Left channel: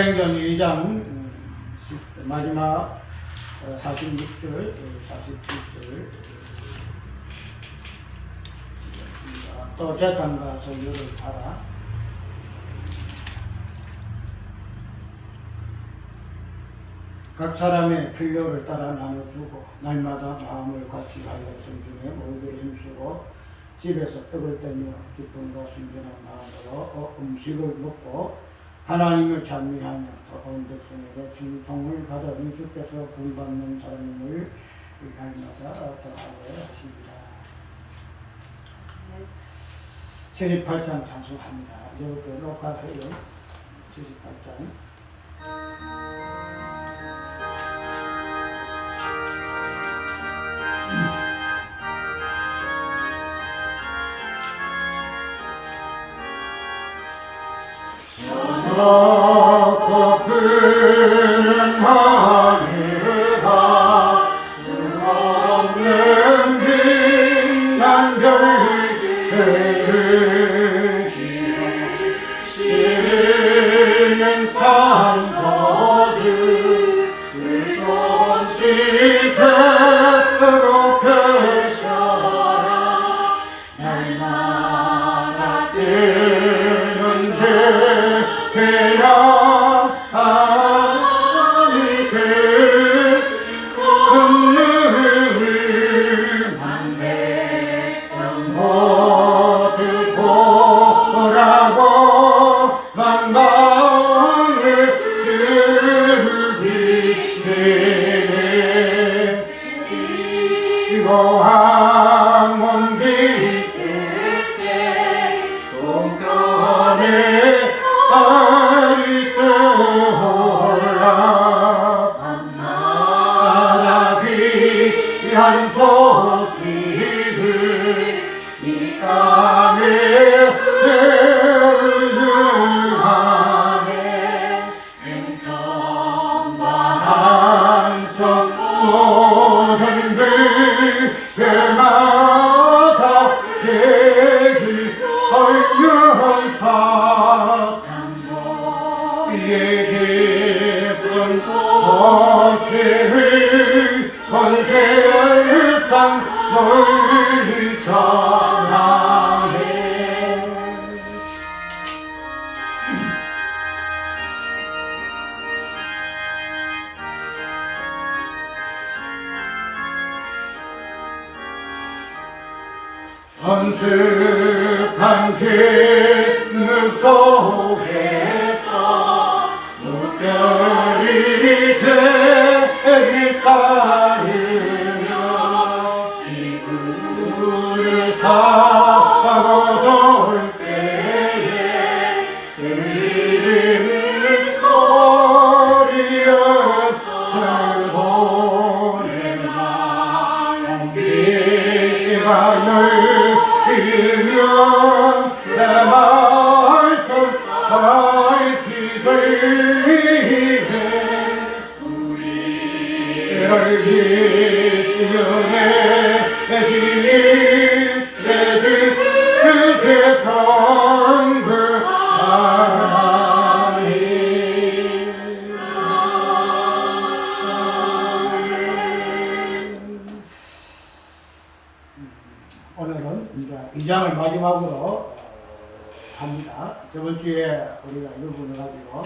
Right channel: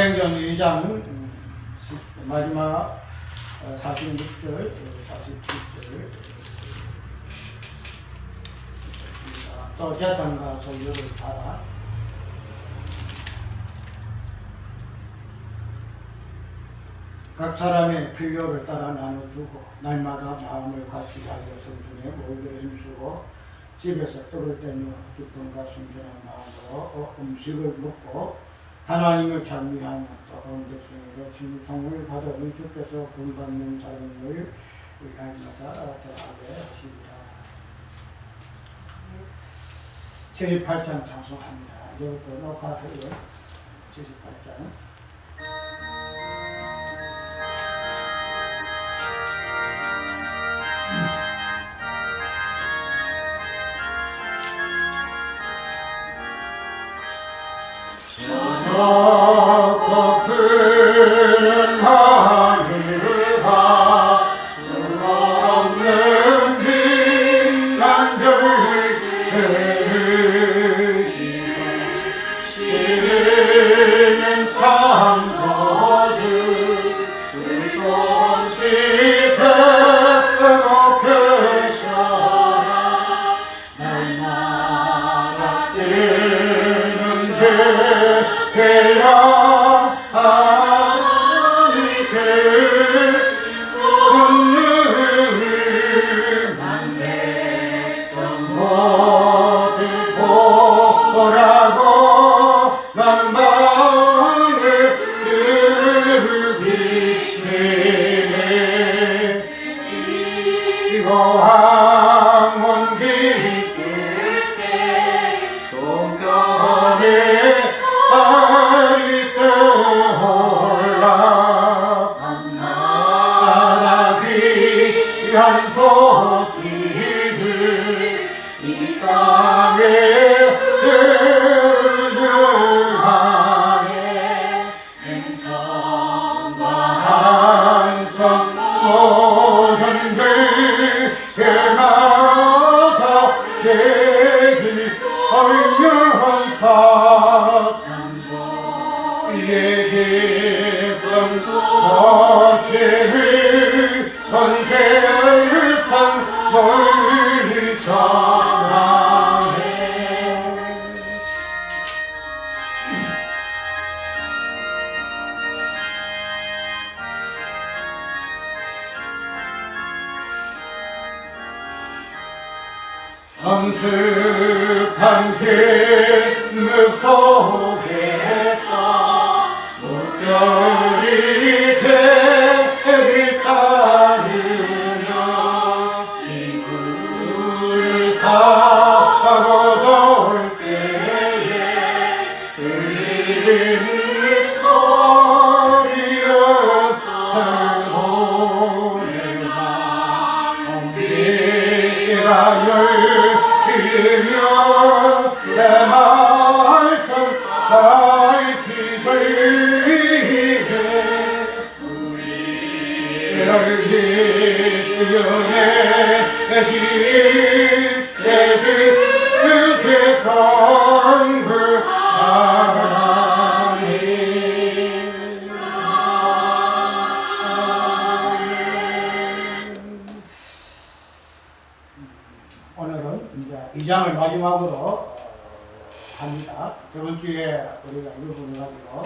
사도행전 2장 마지막 46절, 47절 또 재산과 소유를 받아 각 사람의 필요를 따라 나눠주고 날마다 마음을 같이 하여 성중에 모이기를 힘쓰고 집에서 떡을 떼며 기쁨과 순전한 마음으로 음식을 먹고 하나님을 찬미하며 또 온 백성에게 칭송을 받으니 주께서 구원받는 사람을 날마다 더하게 하십니다. 78장 찬송합니다. 이제부터 녹화해요. 78장. 저녁 푸른 하늘과 수없는 빛난 별들을 지어 시리는 창조주 그 손짓 배로 크셔라 날마다 뜨는 태양이 그늘 만백성 모두 보라고 만방을 비치네 지고한 온기 뜰때 동편에 아리 떠올라 나라 귀한 소식을 이 땅에 흘러가네 행성과 한성 모든 글들마다 되길 얼면사 예기쁜 모세를 번세상 널리 전하네 엄숙한 샘물 속에서 별이 새를 따르며 지구를 사고 돌 때에 들리는 소리여서 돌에 난 비가 열리며 내 말씀 날피 들리네 우리를 기쁘게 시내지 그 세상 그 하나님 오늘은 이제 2장을 마지막으로 합니다. 저번 주에 우리가 이 부분을 가지고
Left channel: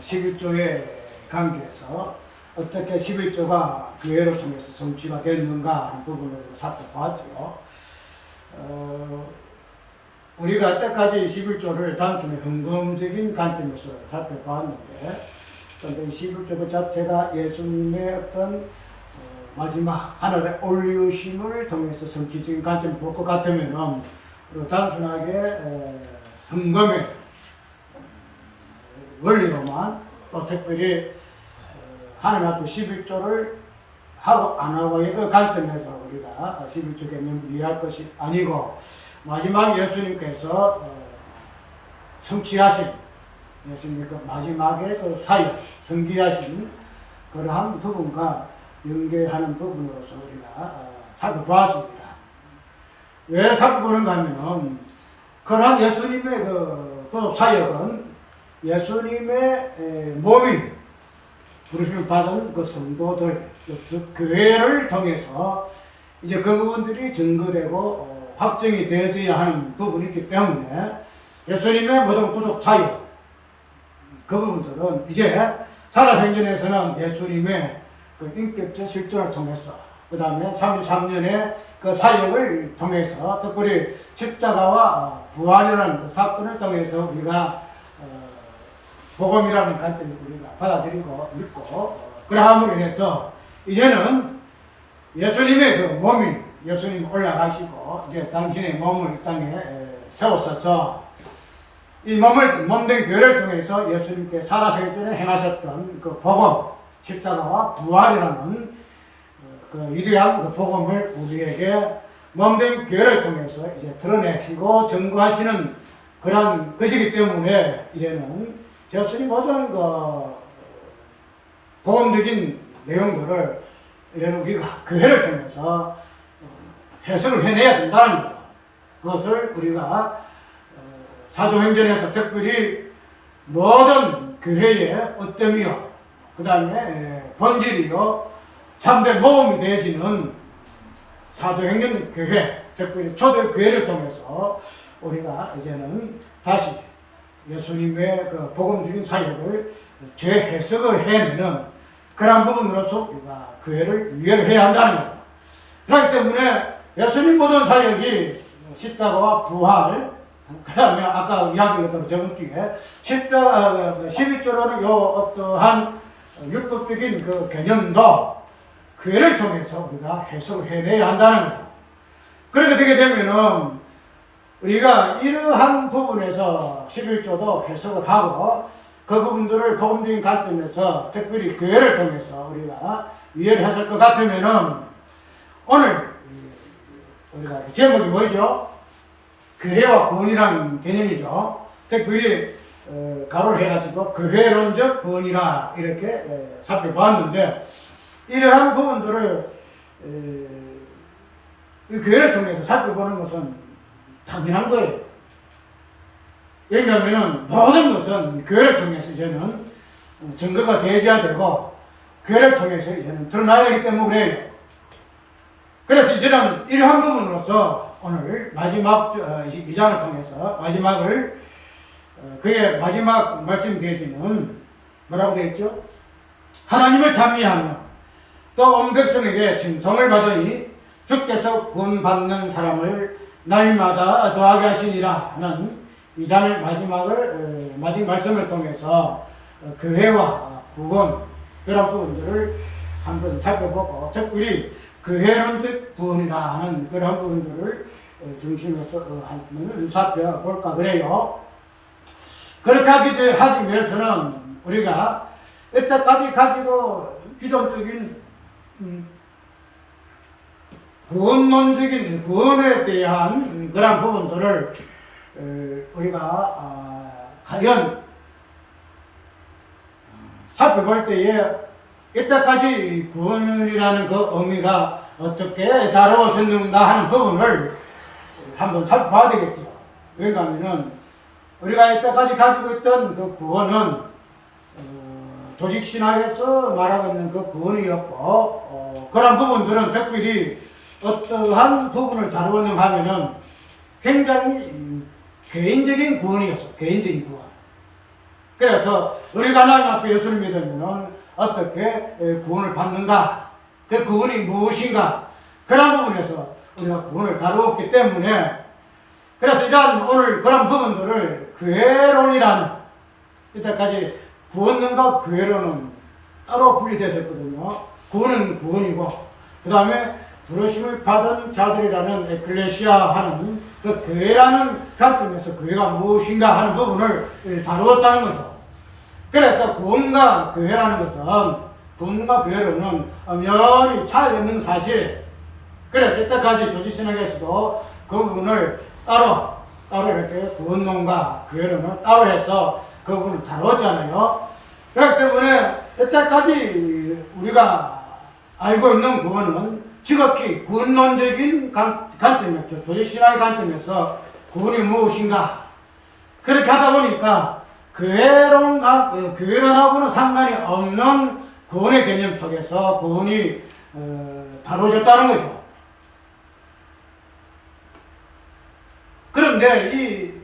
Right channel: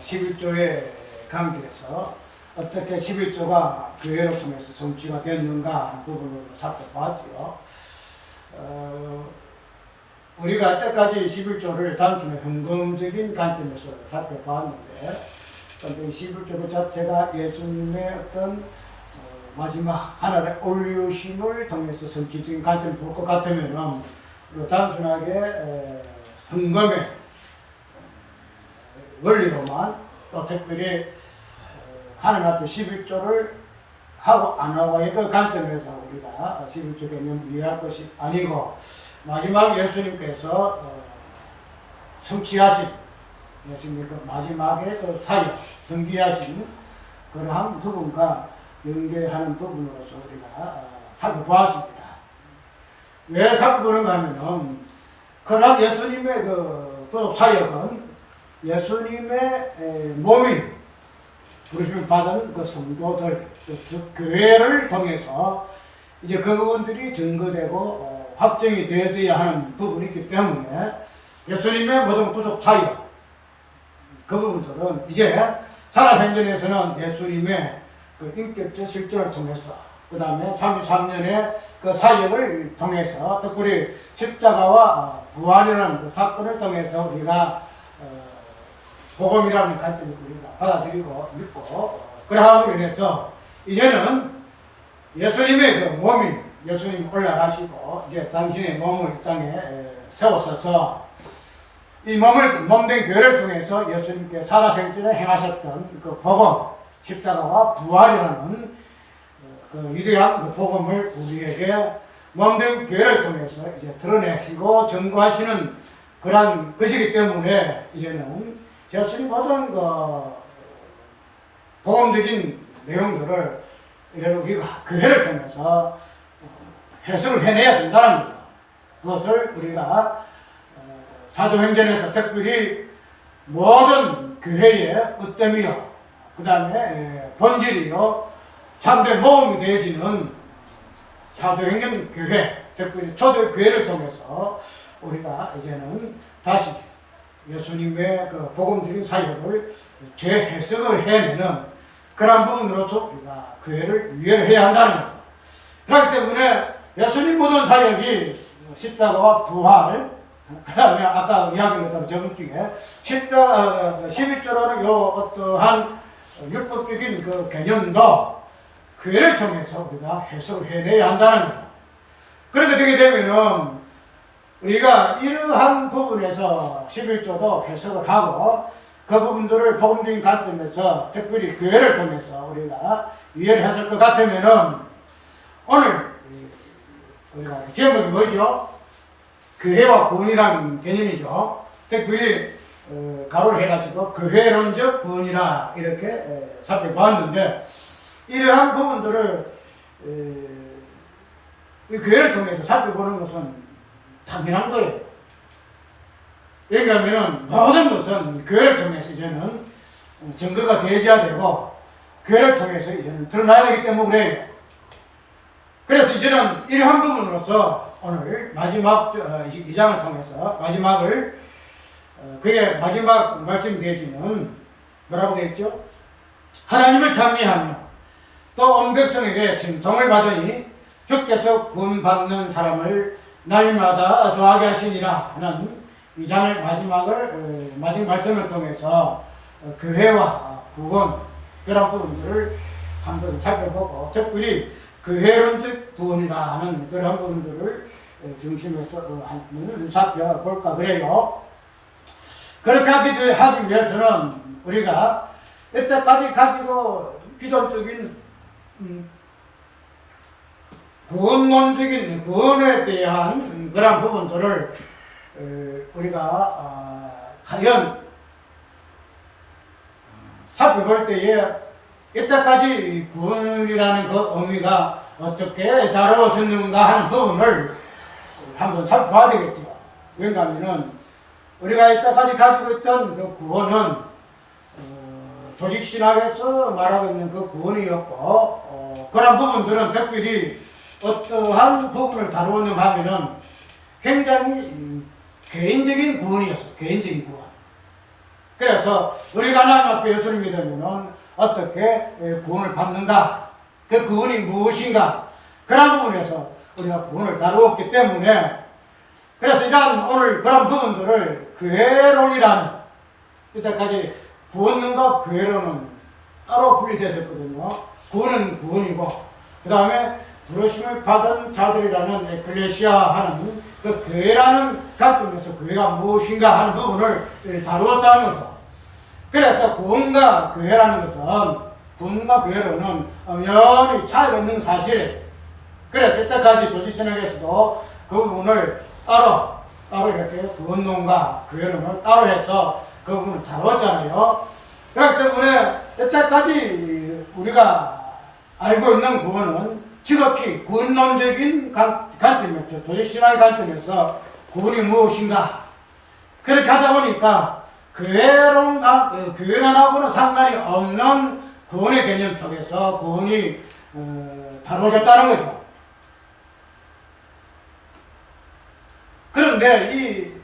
11조의 관계에서 어떻게 11조가 교회를 통해서 성취가 됐는가 하는 부분으로 살펴봤죠. 우리가 이때까지 11조를 단순히 헌금적인 관점에서 살펴봤는데 그런데 이 11조 그 자체가 예수님의 어떤 마지막 하늘에 올리우심을 통해서 성취적인 관점을 볼 것 같으면은 단순하게 헌금의 원리로만 또 특별히 하나님 앞에 11조를 하고 안 하고의 그 관점에서 우리가 11조 개념을 이해할 것이 아니고 마지막 예수님께서 성취하신 예수님의 그 마지막의 그 사역, 성기하신 그러한 부분과 연계하는 부분으로서 우리가 살펴보았습니다. 왜 살펴보는가 하면은 그러한 예수님의 그 사역은 예수님의 몸이 부르심을 받은 그 성도들, 즉 교회를 통해서 이제 그 부분들이 증거되고 확정이 되어져야 하는 부분이 있기 때문에 예수님의 모든 구속 사역 그 부분들은 이제 살아생전에서는 예수님의 그 인격적 실존을 통해서 그 다음에 33년의 그 사역을 통해서 특별히 십자가와 부활이라는 그 사건을 통해서 우리가 복음이라는 관점을 우리가 받아들이고 믿고 그러함으로 인해서 이제는 예수님의 그 몸인 예수님 올라가시고 이제 당신의 몸을 이 땅에 세우셔서 이 몸된 교회를 통해서 예수님께 살아생전에 행하셨던 그 복음, 십자가와 부활이라는 그 위대한 그 복음을 우리에게 몸된 교회를 통해서 이제 드러내시고 증거하시는 그러한 것이기 때문에 이제는 예수님 모든 그 복음적인 내용들을 이제는 우리가 교회를 통해서 해석을 해내야 된다는 겁니다. 그것을 우리가 사도행전에서 특별히 모든 교회의 어뜸이요, 그 다음에 본질이요, 참된 모험이 되어지는 사도행전 교회, 특별히 초대교회를 통해서 우리가 이제는 다시 예수님의 그 복음적인 사역을 재해석을 해내는 그런 부분으로서 우리가 교회를 유예해야 한다는 겁니다. 그렇기 때문에 예수님 모든 사역이 십자가와 부활, 그 다음에 아까 이야기했던 저번 주에 11조로는 요 어떠한 율법적인 그 개념도 교회를 통해서 우리가 해석을 해내야 한다는 거죠. 그렇게 되게 되면은 우리가 이러한 부분에서 11조도 해석을 하고 그 부분들을 복음적인 관점에서 특별히 교회를 통해서 우리가 이해를 했을 것 같으면은 오늘 우리가 제목이 뭐죠? 교회와 구원이라는 개념이죠. 특별히 가로를 해가지고 교회론적 구원이라 이렇게 살펴보았는데 이러한 부분들을 교회를 통해서 살펴보는 것은 당연한 거예요. 왜냐하면 모든 것은 교회를 통해서 이제는 증거가 되어야 되고 교회를 통해서 이제는 드러나야 되기 때문에 그래요. 그래서 이제는 이러한 부분으로서 오늘 마지막 2장을 통해서 마지막을 그의 마지막 말씀이 되어지는 뭐라고 되어있죠? 하나님을 찬미하며 또 온 백성에게 칭송을 받으니 주께서 구원받는 사람을 날마다 더하게 하시니라 하는 2장을 마지막 말씀을 통해서 교회와 구원 그런 부분들을 한번 살펴보고 특별히 교회론적 구원이라 하는 그런 부분들을 중심에서 한번 살펴볼까 그래요. 그렇게 하기 위해서는 우리가 이때까지 가지고 기존적인 구원론적인 구원에 대한 그런 부분들을 우리가 과연 살펴볼 때에 이때까지 구원이라는 그 의미가 어떻게 다루어졌는가 하는 부분을 한번 살펴봐야 되겠죠. 왜냐하면 우리가 이때까지 가지고 있던 그 구원은 조직신학에서 말하고 있는 그 구원이었고 그런 부분들은 특별히 어떠한 부분을 다루었는가 하면은 굉장히 개인적인 구원이었어. 개인적인 구원. 그래서 우리가 하나님 앞에 예수를 믿으면은 어떻게 구원을 받는가? 그 구원이 무엇인가? 그런 부분에서 우리가 구원을 다루었기 때문에 그래서 이러한 오늘 그런 부분들을 교회론이라는 이때까지 구원론과 교회론은 따로 분리됐었거든요. 구원은 구원이고 그 다음에 부르심을 받은 자들이라는 에클레시아 하는 그 교회라는 관점에서 교회가 무엇인가 하는 부분을 다루었다는 거죠. 그래서 구원과 교회라는 것은 구원과 교회로는 엄연히 차이가 있는 사실이에요. 그래서 이때까지 조지신학에서도 그 부분을 따로 이렇게 구원론과 교회론을 따로 해서 그 부분을 다루었잖아요. 그렇기 때문에 이때까지 우리가 알고 있는 구원은 지극히 구원론적인 관점이었죠. 조지신학의 관점에서 구원이 무엇인가 그렇게 하다 보니까 교회론하고는 상관이 없는 구원의 개념 속에서 구원이 다뤄졌다는 거죠. 그런데 이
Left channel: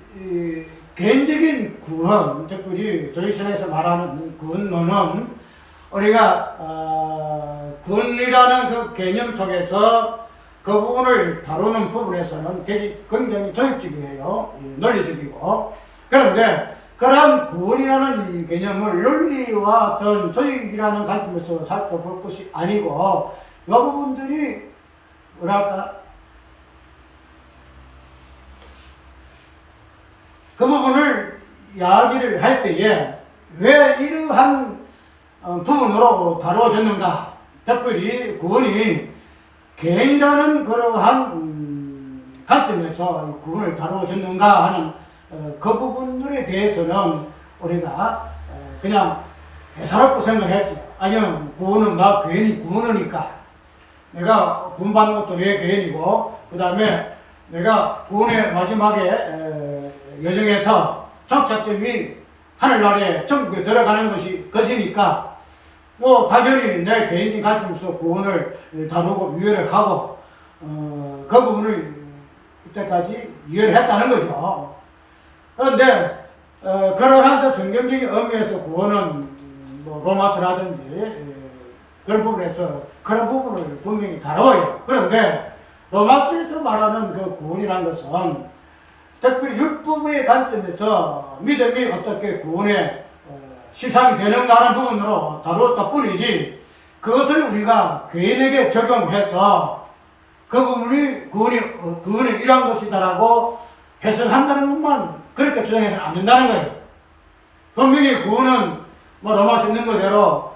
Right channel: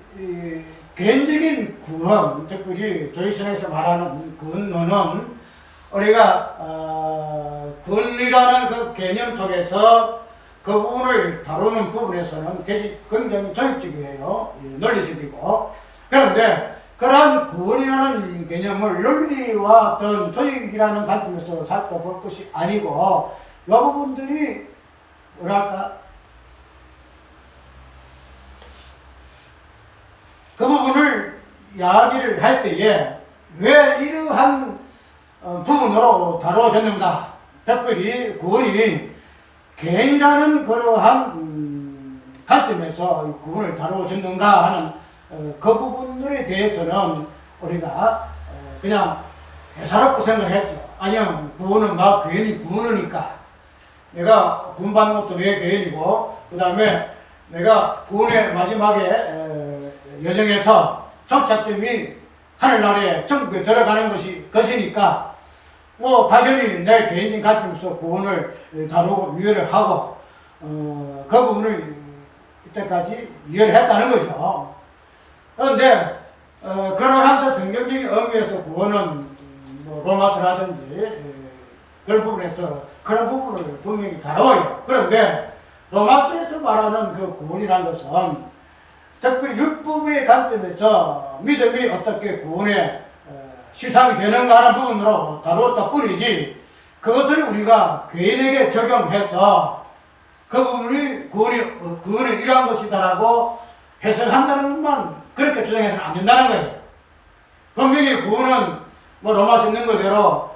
개인적인 구원, 특별히 조이선에서 말하는 구원론은 우리가 구원이라는 그 개념 속에서 그 부분을 다루는 부분에서는 되게 굉장히 조직적이에요. 논리적이고. 그런데 그러한 구원이라는 개념을 논리와 어떤 조직이라는 관점에서 살펴볼 것이 아니고 이 부분들이 뭐랄까 그 부분을 이야기를 할 때에 왜 이러한 부분으로 다루어졌는가, 특별히 구원이 개인이라는 그러한 관점에서 구원을 다루어졌는가 하는 그 부분들에 대해서는 우리가 그냥 대사롭고 생각했죠. 아니요, 구원은 막 괜히 구원이니까 내가 구원받는 것도 내 개인이고, 그 다음에 내가 구원의 마지막에 여정에서 정착점이 하늘나라에 천국에 들어가는 것이니까 뭐 당연히 내 개인적인 관점에서 구원을 다루고 이해를 하고 그 부분을 이때까지 이해를 했다는 거죠. 그런데 그러한 성경적인 의미에서 구원은 뭐 로마서라든지 그런 부분에서 그런 부분을 분명히 다뤄요. 그런데 로마서에서 말하는 그 구원이라는 것은 특별히 율법의 관점에서 믿음이 어떻게 구원의 실상이 되는가 하는 부분으로 다루었다 뿐이지, 그것을 우리가 개인에게 적용해서 그 부분이 구원이 이러한 것이다라고 해석한다는 것만 그렇게 주장해서는 안 된다는 거예요. 분명히 구원은 뭐 로마서 있는 그대로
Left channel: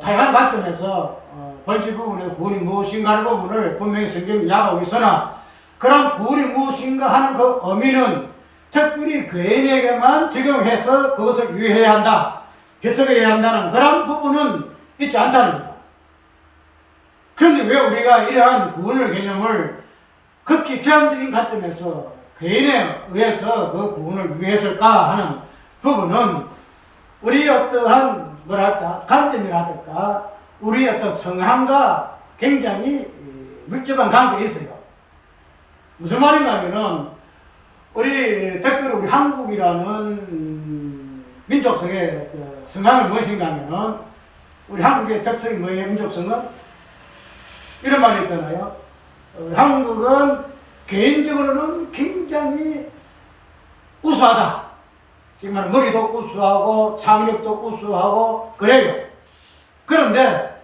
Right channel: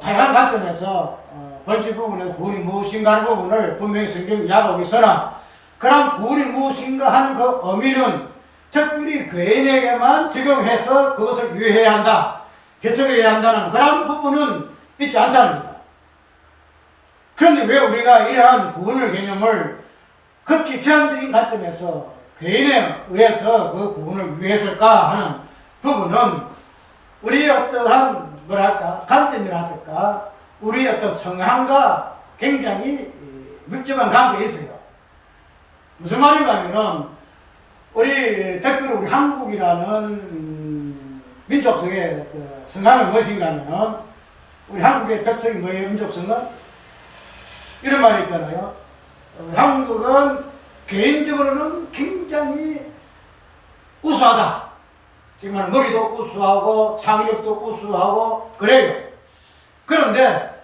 다양한 관점에서 본질 부분에 구원이 무엇인가 하는 부분을 분명히 성경이 이야기하고 있으나, 그런 구원이 무엇인가 하는 그 의미는 특별히 개인에게만 적용해서 그것을 이해해야 한다, 해석해야 한다는 그런 부분은 있지 않다는 겁니다. 그런데 왜 우리가 이러한 구원의 개념을 극히 제한적인 관점에서 개인에 의해서 그 구원을 위했을까 하는 부분은 우리의 어떠한 뭐랄까 관점이라든가 우리의 어떤 성향과 굉장히 밀접한 관계가 있어요. 무슨 말인가 하면은 특별히 우리 한국이라는 민족 속의 그 성향은 무엇인가 하면은, 우리 한국의 특성이 뭐예요? 민족성은? 이런 말이 있잖아요. 한국은 개인적으로는 굉장히 우수하다. 지금 말하는 머리도 우수하고 창의력도 우수하고 그래요. 그런데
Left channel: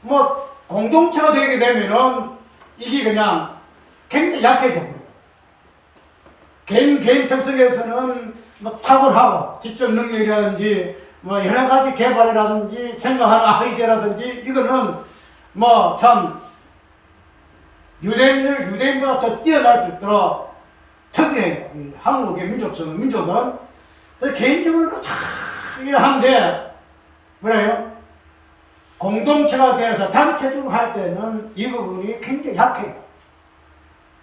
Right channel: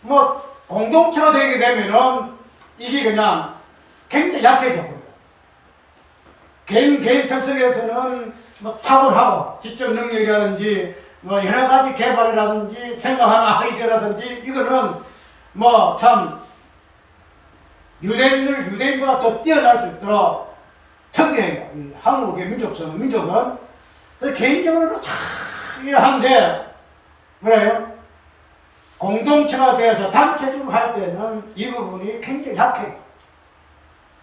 뭐 공동체가 되게 되면은 이게 그냥 굉장히 약해져 버려요. 개인 특성에서는 뭐 탁월하고 지적 능력이라든지 뭐 여러 가지 개발이라든지 생각하는 아이디어라든지 이거는 뭐 참 유대인보다 더 뛰어날 수 있도록 특이해요. 이 한국의 민족은. 그래서 개인적으로는 참 이러한데 뭐래요? 공동체가 되어서 단체적으로 할 때는 이 부분이 굉장히 약해요.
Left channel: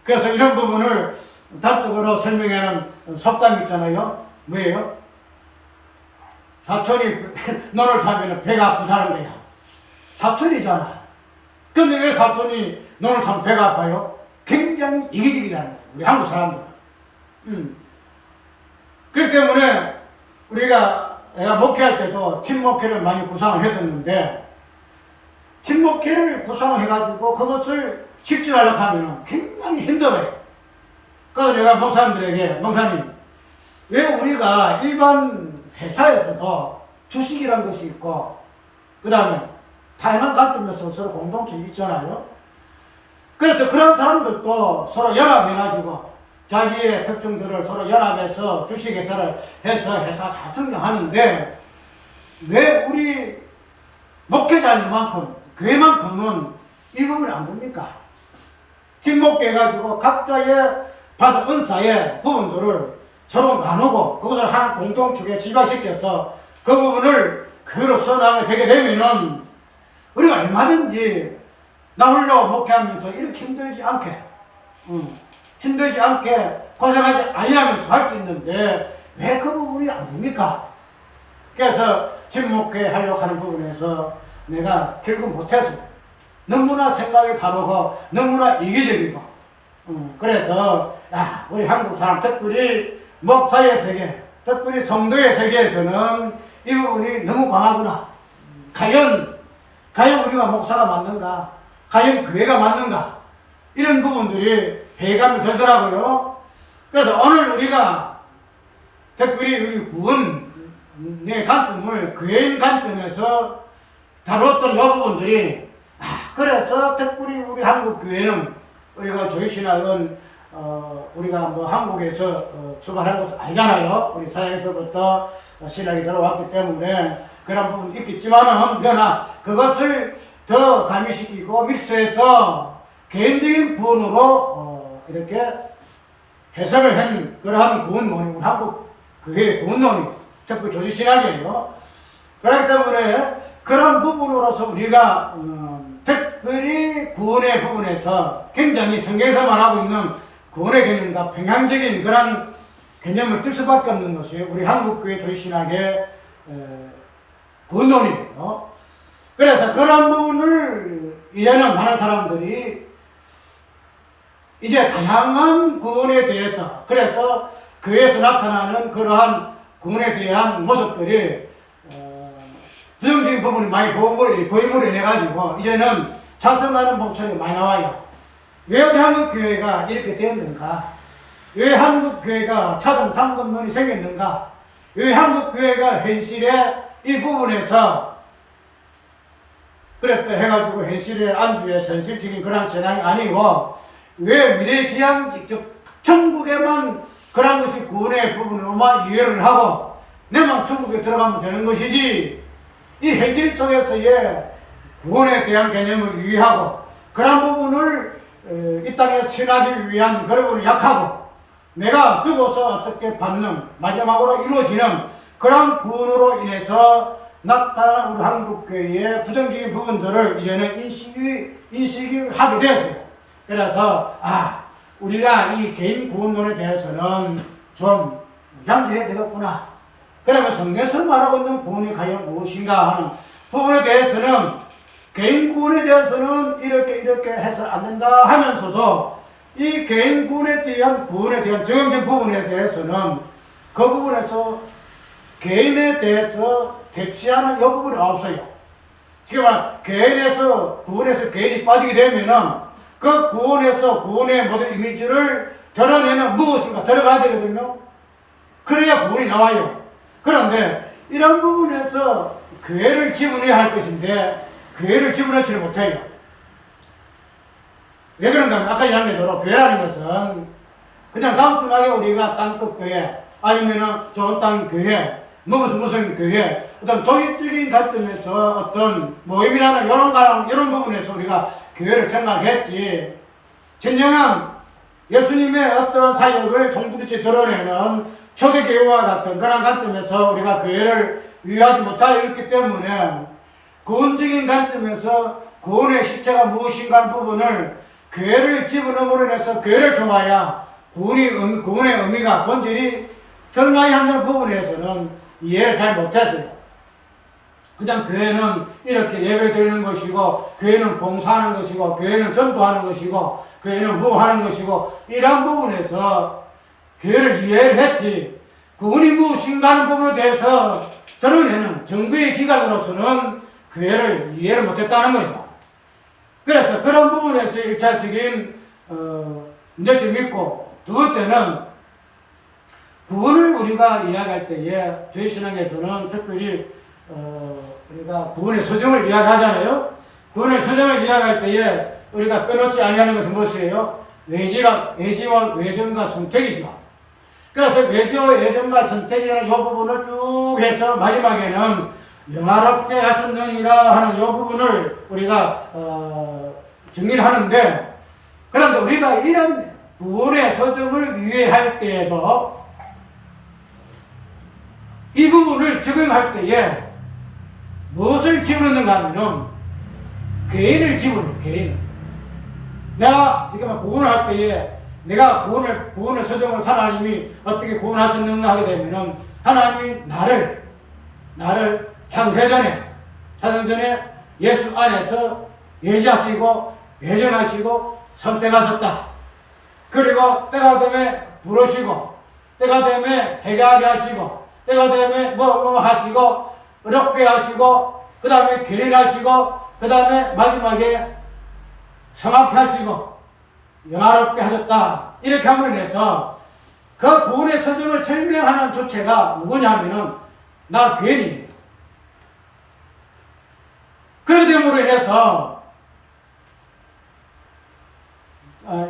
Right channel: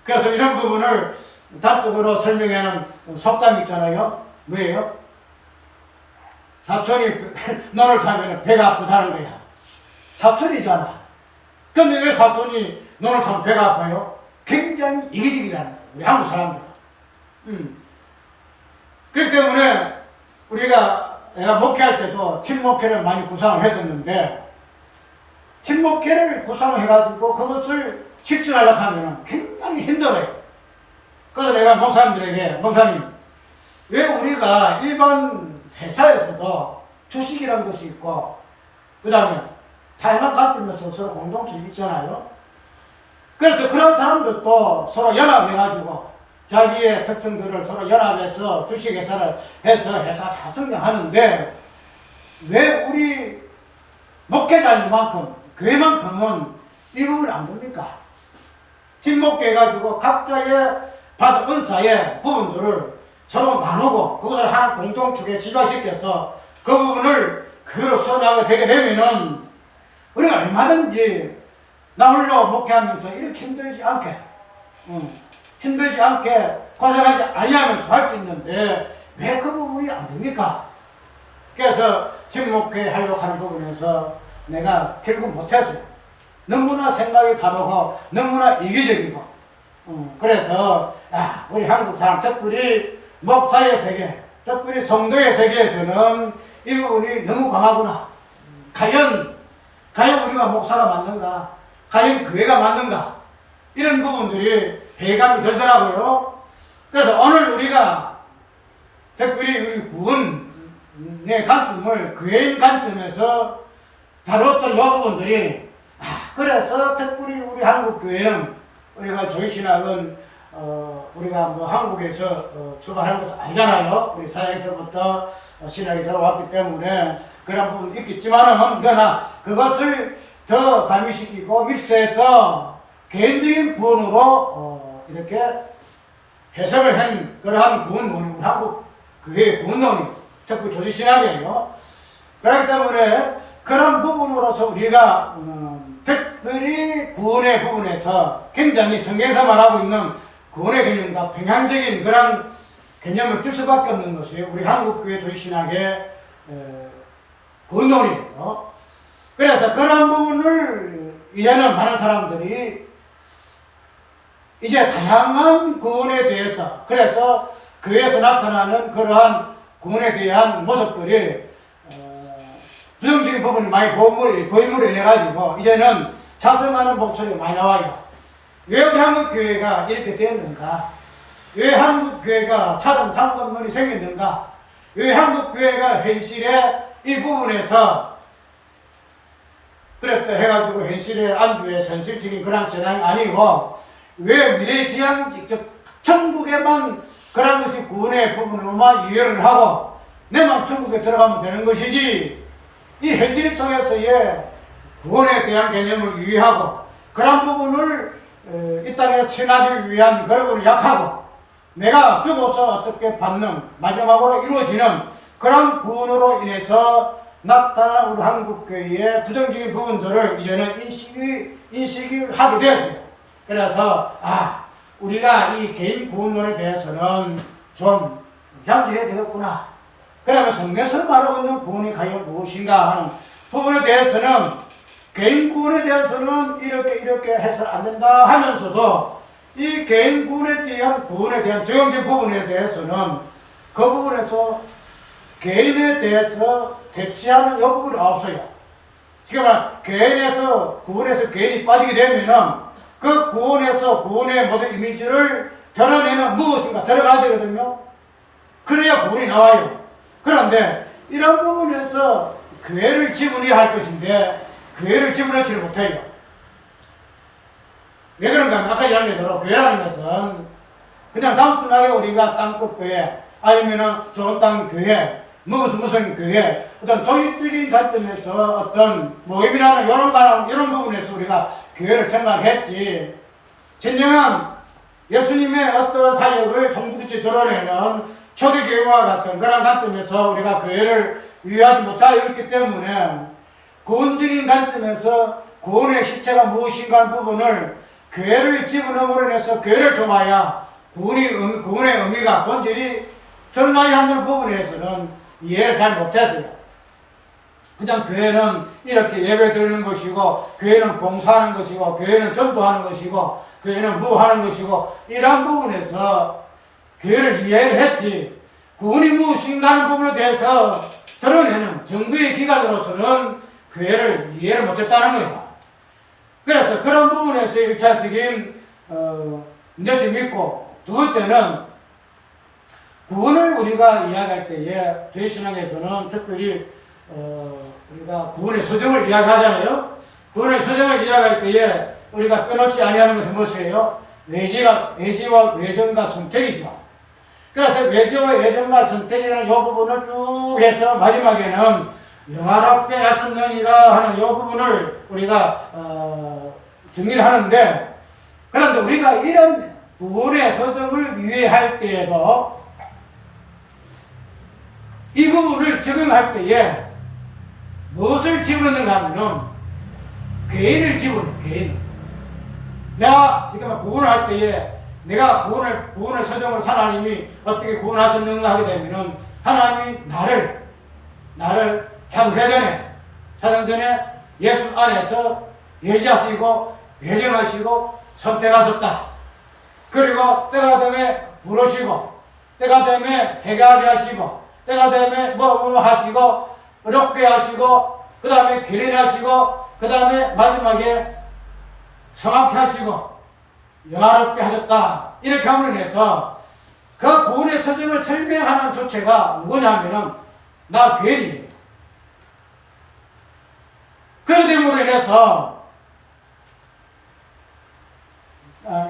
그래서 이런 부분을 단적으로 설명하는 속담이 있잖아요. 뭐예요? 사촌이 너를 타면 배가 아프다는 거야. 사촌이잖아. 근데 왜 사촌이 너를 타면 배가 아파요? 굉장히 이기적이라는 거야, 우리 한국 사람들은. 그렇기 때문에 내가 목회할 때도 팀 목회를 많이 구상을 했었는데, 팀 목회를 구상해가지고 그것을 실천하려고 하면 굉장히 힘들어요. 그래서 내가 목사님, 왜 우리가 일반 회사에서도 주식이란 것이 있고, 그 다음에 다양한 관점에서 서로 공동체가 있잖아요. 그래서 그런 사람들도 서로 연합해가지고 자기의 특성들을 서로 연합해서 주식회사를 해서 회사 잘 성장하는데, 왜 우리 목회자인 만큼, 교회만큼은 이 부분이 안 됩니까? 팀목회해가지고 각자의 받은 은사의 부분들을 서로 나누고 그것을 하나 공동축에 집약시켜서 그 부분을 교회로 써나가게 되게 되면은 우리가 얼마든지 나 홀로 목회하면서 이렇게 힘들지 않게 고생하지 아니하면서 할 수 있는데, 왜 그 부분이 안 됩니까? 그래서 집목회 하려고 하는 부분에서 내가 결국 못했어요. 너무나 생각이 다르고 너무나 이기적이고 그래서 우리 한국 사람 특별히 목사의 세계, 특별히 성도의 세계에서는 이 부분이 너무 강하구나. 과연 우리가 목사가 맞는가? 과연 교회가 맞는가? 이런 부분들이 회의감이 들더라고요. 그래서 오늘 우리가 특별히 우리 구원의 관점을 교회인 관점에서 다뤘던 이 부분들이 그래서 특별히 우리 한국 교회는 우리가 조이신학은 우리가 뭐 한국에서 출발한 것은 아니잖아요. 우리 사회에서부터 신학이 들어왔기 때문에 그런 부분이 있겠지만은 그러나 그것을 더 가미시키고 믹스해서 개인적인 구원으로 이렇게 해석을 한 그러한 구원론이 우리 한국 교회의 구원론이 특히 조직신학이에요. 그렇기 때문에 그런 부분으로서 우리가 특별히 구원의 부분에서 굉장히 성경에서 말하고 있는 구원의 개념과 평행적인 그런 개념을 뜰 수밖에 없는 것이 우리 한국교회 조직신학의 구원론이에요. 그래서 그런 부분을 이제는 많은 사람들이 이제 다양한 구원에 대해서 그래서 교회에서 나타나는 그러한 구원에 대한 모습들이 부정적인 부분이 많이 보임으로 인해 가지고 이제는 자성하는 목소리가 많이 나와요. 왜 우리 한국교회가 이렇게 되었는가? 왜 한국교회가 차등 상권론이 생겼는가? 왜 한국교회가 현실에 이 부분에서 그랬다 해가지고 현실의 안주에서 현실적인 그런 신앙이 아니고 왜 미래지향적 천국에만 그런 것이 구원의 부분으로만 이해를 하고 내만 천국에 들어가면 되는 것이지 이 현실 속에서의 구원에 대한 개념을 이해하고 그런 부분을 이 땅에 친하기 위한 그런 부분을 약하고 내가 죽어서 어떻게 받는 마지막으로 이루어지는 그런 구원으로 인해서 나타난 우리 한국교회의 부정적인 부분들을 이제는 인식을 하게 되었어요. 그래서 우리가 이 개인 구원론에 대해서는 좀 양지해야 되겠구나. 그러면 성경에서 말하고 있는 구원이 과연 무엇인가 하는 부분에 대해서는 개인 구원에 대해서는 이렇게 해서 안 된다 하면서도 이 개인 구원에 대한 적용적 부분에 대해서는 그 부분에서 개인에 대해서 대치하는 이 부분이 없어요. 지금 구원에서 개인이 빠지게 되면은 그 구원의 모든 이미지를 드러내는 무엇인가 들어가야 되거든요. 그래야 구원이 나와요. 그런데 이런 부분에서 교회를 지분해야 할 것인데 교회를 지분하지 못해요. 왜 그런가 하면 아까 이야기한 대로 교회라는 것은 그냥 단순하게 우리가 땅끝 교회 아니면은 좋은 땅 교회 무슨 교회 어떤 조직적인 관점에서 어떤 모임이라는 이런 부분에서 우리가 교회를 생각했지 진정한 예수님의 어떤 사역을 종두리째 드러내는 초대교회와 같은 그런 관점에서 우리가 교회를 위하지 못하여 있기 때문에 구원적인 관점에서 구원의 실체가 무엇인가 하는 부분을 교회를 집어넣음으로 인해서 교회를 통하여 구원의 의미가 본질이 드러나야 하는 부분에서는 이해를 잘 못했어요. 그냥 교회는 이렇게 예배 드리는 것이고 교회는 봉사하는 것이고 교회는 전도하는 것이고 교회는 하는 것이고 이런 부분에서 교회를 이해를 했지 구원이 무엇인가 하는 부분에 대해서 드러내는 정부의 기관으로서는 교회를 이해를 못했다는 거예요. 그래서 그런 부분에서 1차적인 문제점이 있고 두 번째는 구원을 우리가 이야기할 때에 조회신학에서는 특별히 우리가 구원의 서정을 이야기하잖아요. 구원의 서정을 이야기할 때에 우리가 빼놓지 아니하는 것은 무엇이에요? 외지와 외전과 선택이죠. 그래서 외지와 외전과 선택이라는 이 부분을 쭉 해서 마지막에는 영화롭게 하셨느니라 하는 이 부분을 우리가 정리를 하는데 그런데 우리가 이런 구원의 서정을 이해할 때에도 이 부분을 적용할 때에 무엇을 집어넣는가 하면은 개인을 집어넣어요. 개인을. 내가 지금 구원을 할 때에 내가 구원을 서정으로 하나님이 어떻게 구원하셨는가 하게 되면은 하나님이 나를 창세전에 예수 안에서 예지하시고 예정하시고 선택하셨다. 그리고 때가 되면 부르시고 때가 되면 회개하게 하시고 때가 되면 뭐 하시고 어렵게 하시고 그 다음에 기린하시고 그 다음에 마지막에 성악케 하시고 영화롭게 하셨다. 이렇게 함으로 인해서 그 구원의 서정을 설명하는 주체가 누구냐면은 나 괜히 그렇게 됨으로 인해서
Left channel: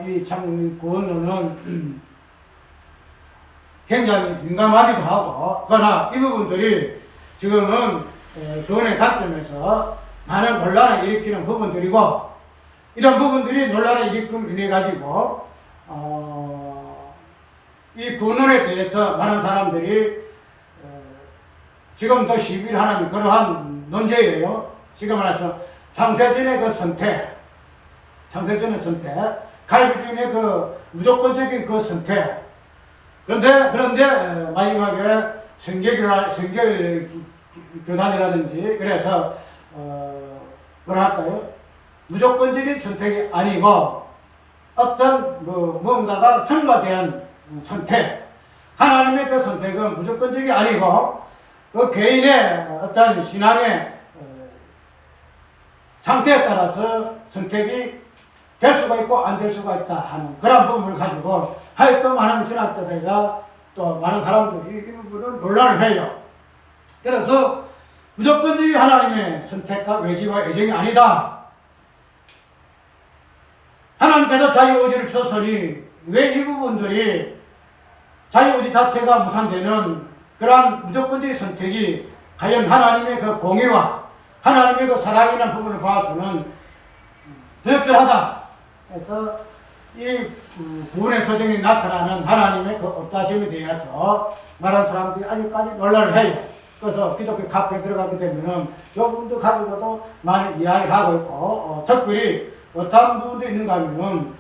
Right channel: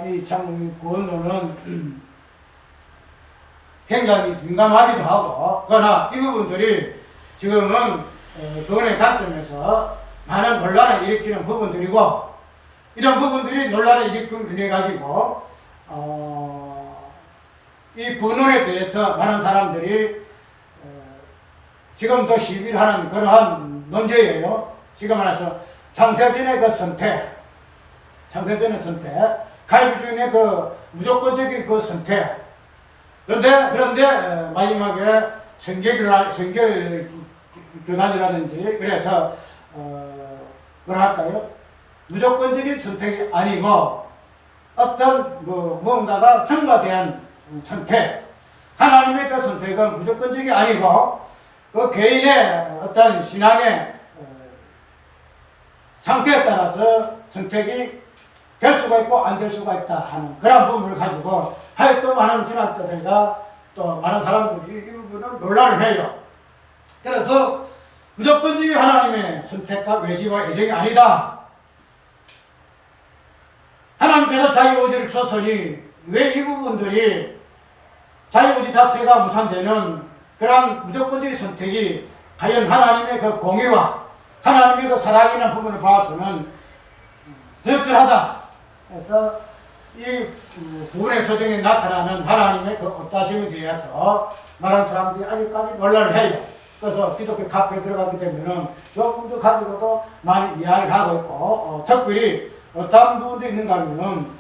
이 구원론은 굉장히 민감하기도 하고, 그러나 이 부분들이 지금은 구원의 관점에서 많은 논란을 일으키는 부분들이고, 이런 부분들이 논란을 일으킴으로 인해 가지고 이 구원론에 대해서 많은 사람들이 지금도 시비를 하는 그러한 논제예요. 지금 말해서 창세전의 그 선택, 갈비주의의 그 무조건적인 그 선택. 그런데 마지막에 성결교단이라든지 그래서 뭐라 할까요? 무조건적인 선택이 아니고 어떤 뭔가가 성과대한 선택. 하나님의 그 선택은 무조건적이 아니고 그 개인의 어떤 신앙의 상태에 따라서 선택이 될 수가 있고 안 될 수가 있다 하는 그런 부분을 가지고 하여튼 많은 신학자들과 또 많은 사람들이 이 부분을 논란을 해요. 그래서 무조건적인 하나님의 선택과 외지와 예정이 아니다. 하나님께서 자유의지를 주셨으니 왜 이 부분들이 자유의지 자체가 무산되는 그러한 무조건적인 선택이 과연 하나님의 그 공의와 하나님의 그 사랑이라는 부분을 봐서는 적절하다. 그래서 이 구원의 서정에 나타나는 하나님의 그 어떠하심에 대해서 많은 사람들이 아직까지 논란을 해요. 그래서 기독교 카페에 들어가게 되면은 이 부분도 가지고도 많이 이야기를 하고 있고, 특별히 어떤 부분도 있는가 하면은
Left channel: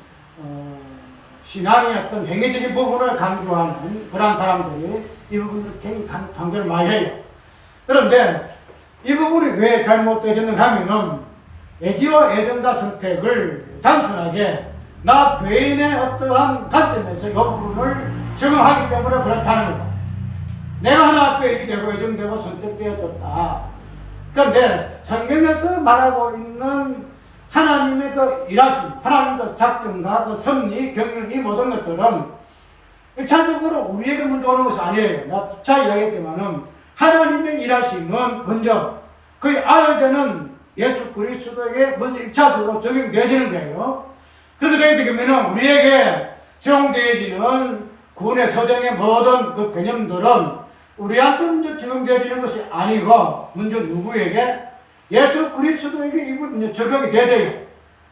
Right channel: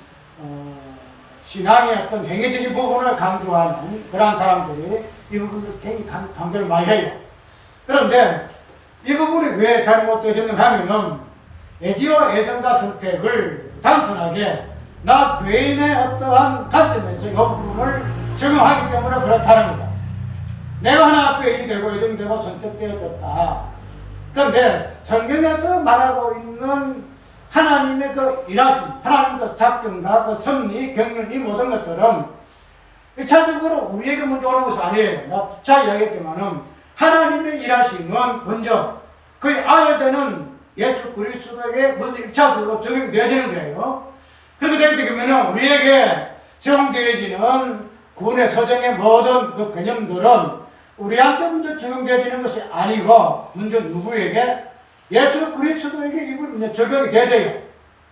신앙의 어떤 행위적인 부분을 강조하는 그런 사람들이 이 부분도 굉장히 강조를 많이 해요. 그런데 이 부분이 왜 잘못되었는가 하면은 예지와 예정과 선택을 단순하게 나 개인의 어떠한 관점에서 이 부분을 적용하기 때문에 그렇다는 거다. 내가 하나 앞에 예지되고 예정되고 선택되어졌다. 그런데 성경에서 말하고 있는 하나님의 그 일하심, 하나님의 그 작정과 그 섭리, 경륜 이 모든 것들은 1차적으로 우리에게 먼저 오는 것이 아니에요. 나 부차 이야기했지만은 하나님의 일하심은 먼저 그의 아들 되는 예수 그리스도에게 먼저 1차적으로 적용되어지는 거예요. 그렇게 되게 되면 우리에게 적용되어지는 구원의 서정의 모든 그 개념들은 우리한테 먼저 적용되어지는 것이 아니고 먼저 누구에게? 예수 그리스도에게 이 부분이 적용이 되어져요.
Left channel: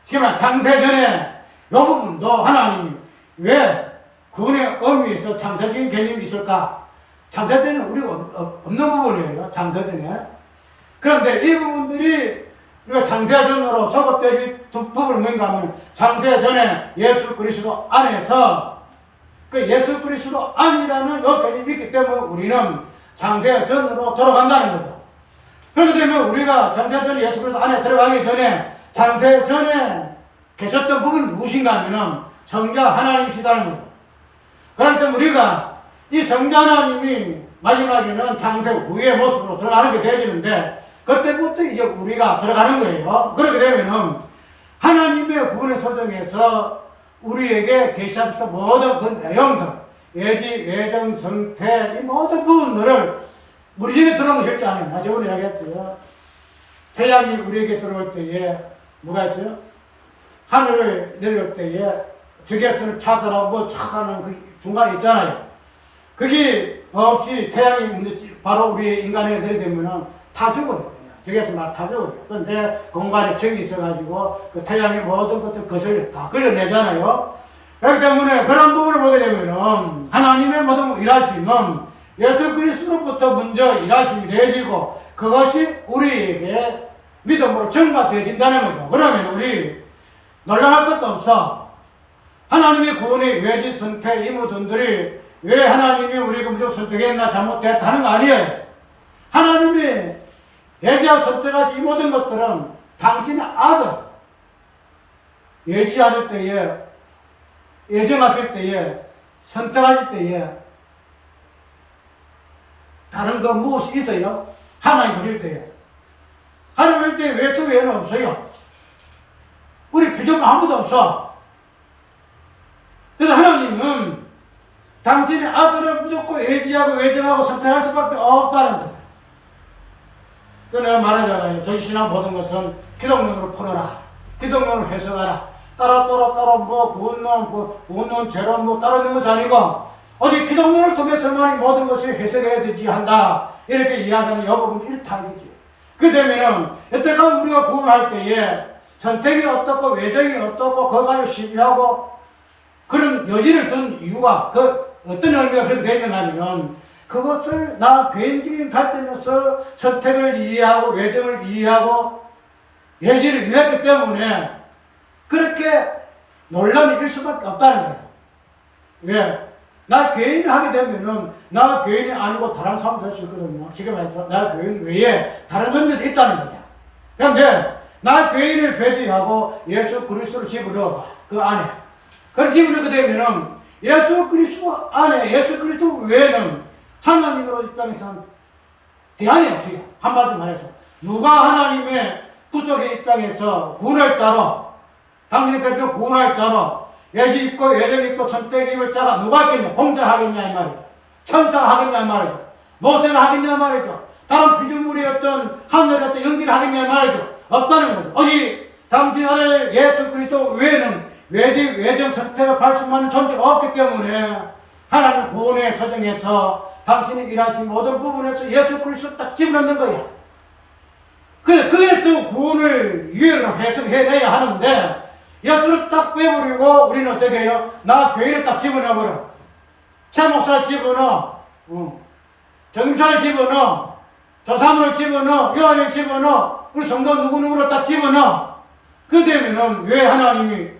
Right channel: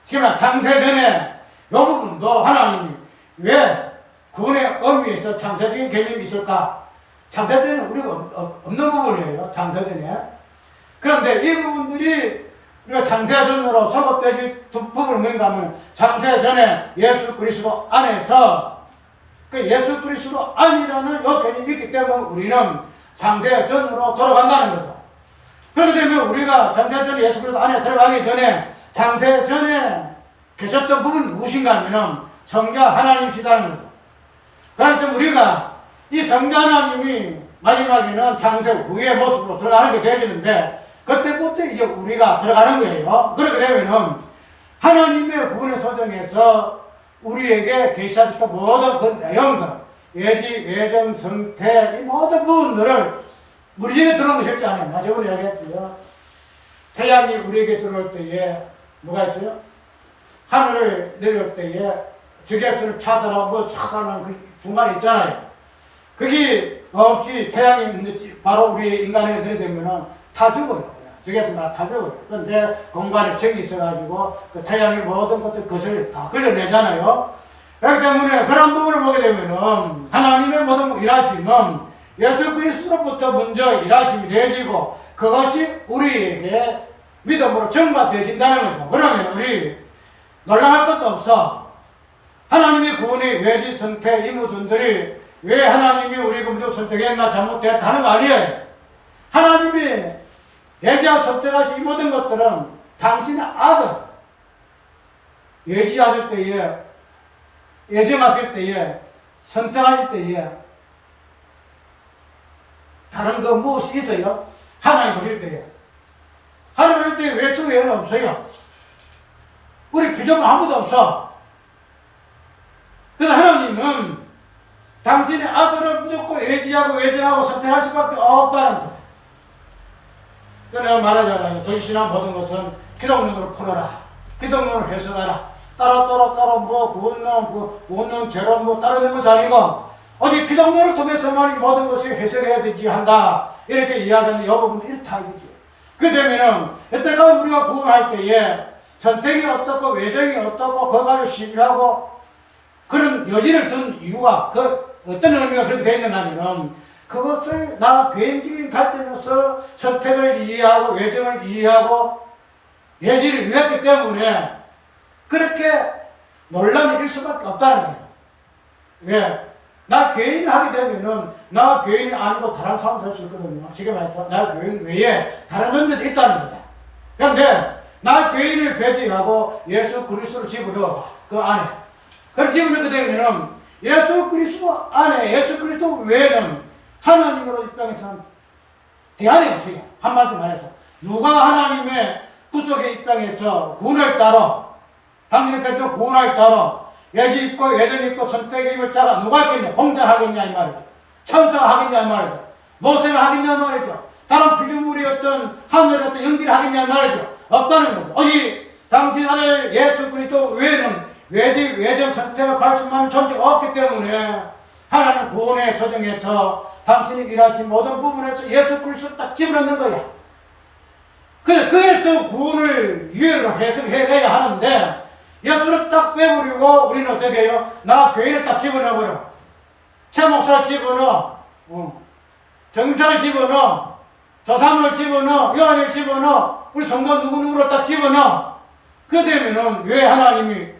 그러나 창세전에 이 부분도 하나님이 왜 구원의 의미에서 창세적인 개념이 있을까? 창세전에는 우리가 없는 부분이에요. 창세전에. 그런데 이 부분들이 우리가 창세전으로 소급되어질 두 부분은 뭔가 하면 창세전에 예수 그리스도 안에서 그 예수 그리스도 안이라는 이 개념이 있기 때문에 우리는 창세전으로 돌아간다는 거죠. 그렇게 되면 우리가 창세전에 예수 그리스도 안에 들어가기 전에 창세전에 계셨던 부분이 무엇인가 하면은 성자 하나님이시다는 거죠. 그렇기 때문에 우리가 이 성자 하나님이 마지막에는 창세 후의 모습으로 들어가는 게 되어지는데 그때부터 이제 우리가 들어가는 거예요. 그렇게 되면은 하나님의 구원의 소정에서 우리에게 계시하셨던 모든 그 내용들, 예지, 예정, 선택, 이 모든 부분들을 우리에게 들어온 것이 없지 않아요. 나 저번에 얘기했죠. 태양이 우리에게 들어올 때에 뭐가 있어요? 하늘을 내려올 때에 적외선을 차단하고 차단하는 그 중간에 있잖아요. 그게 없이 태양이 바로 우리의 인간에 내려되면은 다 죽어요. 적외선만 다 죽어요. 그런데 공간에 정이 있어가지고 그 태양의 모든 것들 것을 다 걸려내잖아요. 그렇기 때문에 그런 부분을 보게 되면은 하나님의 모든 일하심은 예수 그리스도로부터 먼저 일하심이 되어지고 그것이 우리에게 믿음으로 전가되어진다는 거죠. 그러면 우리 놀랄 것도 없어. 하나님의 구원의 외지 선택 이 모든들이 왜 하나님이 우리가 무조건 선택했나 잘못됐다 하는 거 아니에요. 하나님이 예지하고 선택하신 이 모든 것들은 당신의 아들 예지하실 때에 예정하실 때에 선택하실 때에 다른 거 무엇이 있어요? 하나님 보실 때에 하나님 보실 때 외수 외에는 없어요. 우리 비전은 아무도 없어. 그래서 하나님은 당신의 아들을 무조건 예지하고 외정하고 선택할 수밖에 없다는 거예요. 내가 말하잖아요. 전신학 모든 것은 기독론으로 풀어라. 기독론으로 해석하라. 따로 뭐 구원론 죄론 뭐 따로 있는 것이 아니고 오직 기독론을 통해서만 모든 것이 해석해야 되지 한다. 이렇게 이야기하는 여부분 일타이지. 그 되면은 여태까지 우리가 구원할 때에 선택이 어떻고 외정이 어떻고 그거 가지고 시비하고 그런 여지를 둔 이유가 그 어떤 의미가 그렇게 되어 있는가 하면은 그것을 나 개인적인 관점에서 선택을 이해하고 외정을 이해하고 예지를 이해했기 때문에 그렇게 논란이 일 수밖에 없다는 거예요. 왜? 나 개인을 하게 되면은 나 개인이 아니고 다른 사람도 할 수 있거든요. 지금 해서 나 개인 외에 다른 존재도 있다는 거야. 그런데 나 개인을 배제하고 예수 그리스도를 집어넣어봐. 그 안에. 그렇게 집어넣게 되면은 예수 그리스도 안에 예수 그리스도 외에는 하나님으로 입장에서는 대안이 없어요. 한마디 말해서 누가 하나님의 부족의 입장에서 구원할 자로 당신의 백성을 구원할 자로 예지 있고 예정 있고 선택 입을 자가 누가 있겠냐? 공자 하겠냐 이 말이죠. 천사가 하겠냐 이 말이죠. 모세가 하겠냐 이 말이죠. 다른 피조물이 어떤 하늘의 어떤 영지를 하겠냐 이 말이죠. 없다는 거죠. 오직 당신 아들 예수 그리스도 외에는 외지 외정 선택을 할 수만한 존재가 없기 때문에 하나님 구원의 서정에서 당신이 일하신 모든 부분에서 예수 그리스도 딱 집어넣는 거야. 그래서 구원을 이해로 해석해내야 하는데 예수를 딱 빼버리고 우리는 어떻게 해요? 나 교회를 딱 집어넣어버려. 최 목사를 집어넣어. 정사를 집어넣어. 조사문을 집어넣어. 요한을 집어넣어. 우리 성도 누구누구로 딱 집어넣어. 그 되면은 왜 하나님이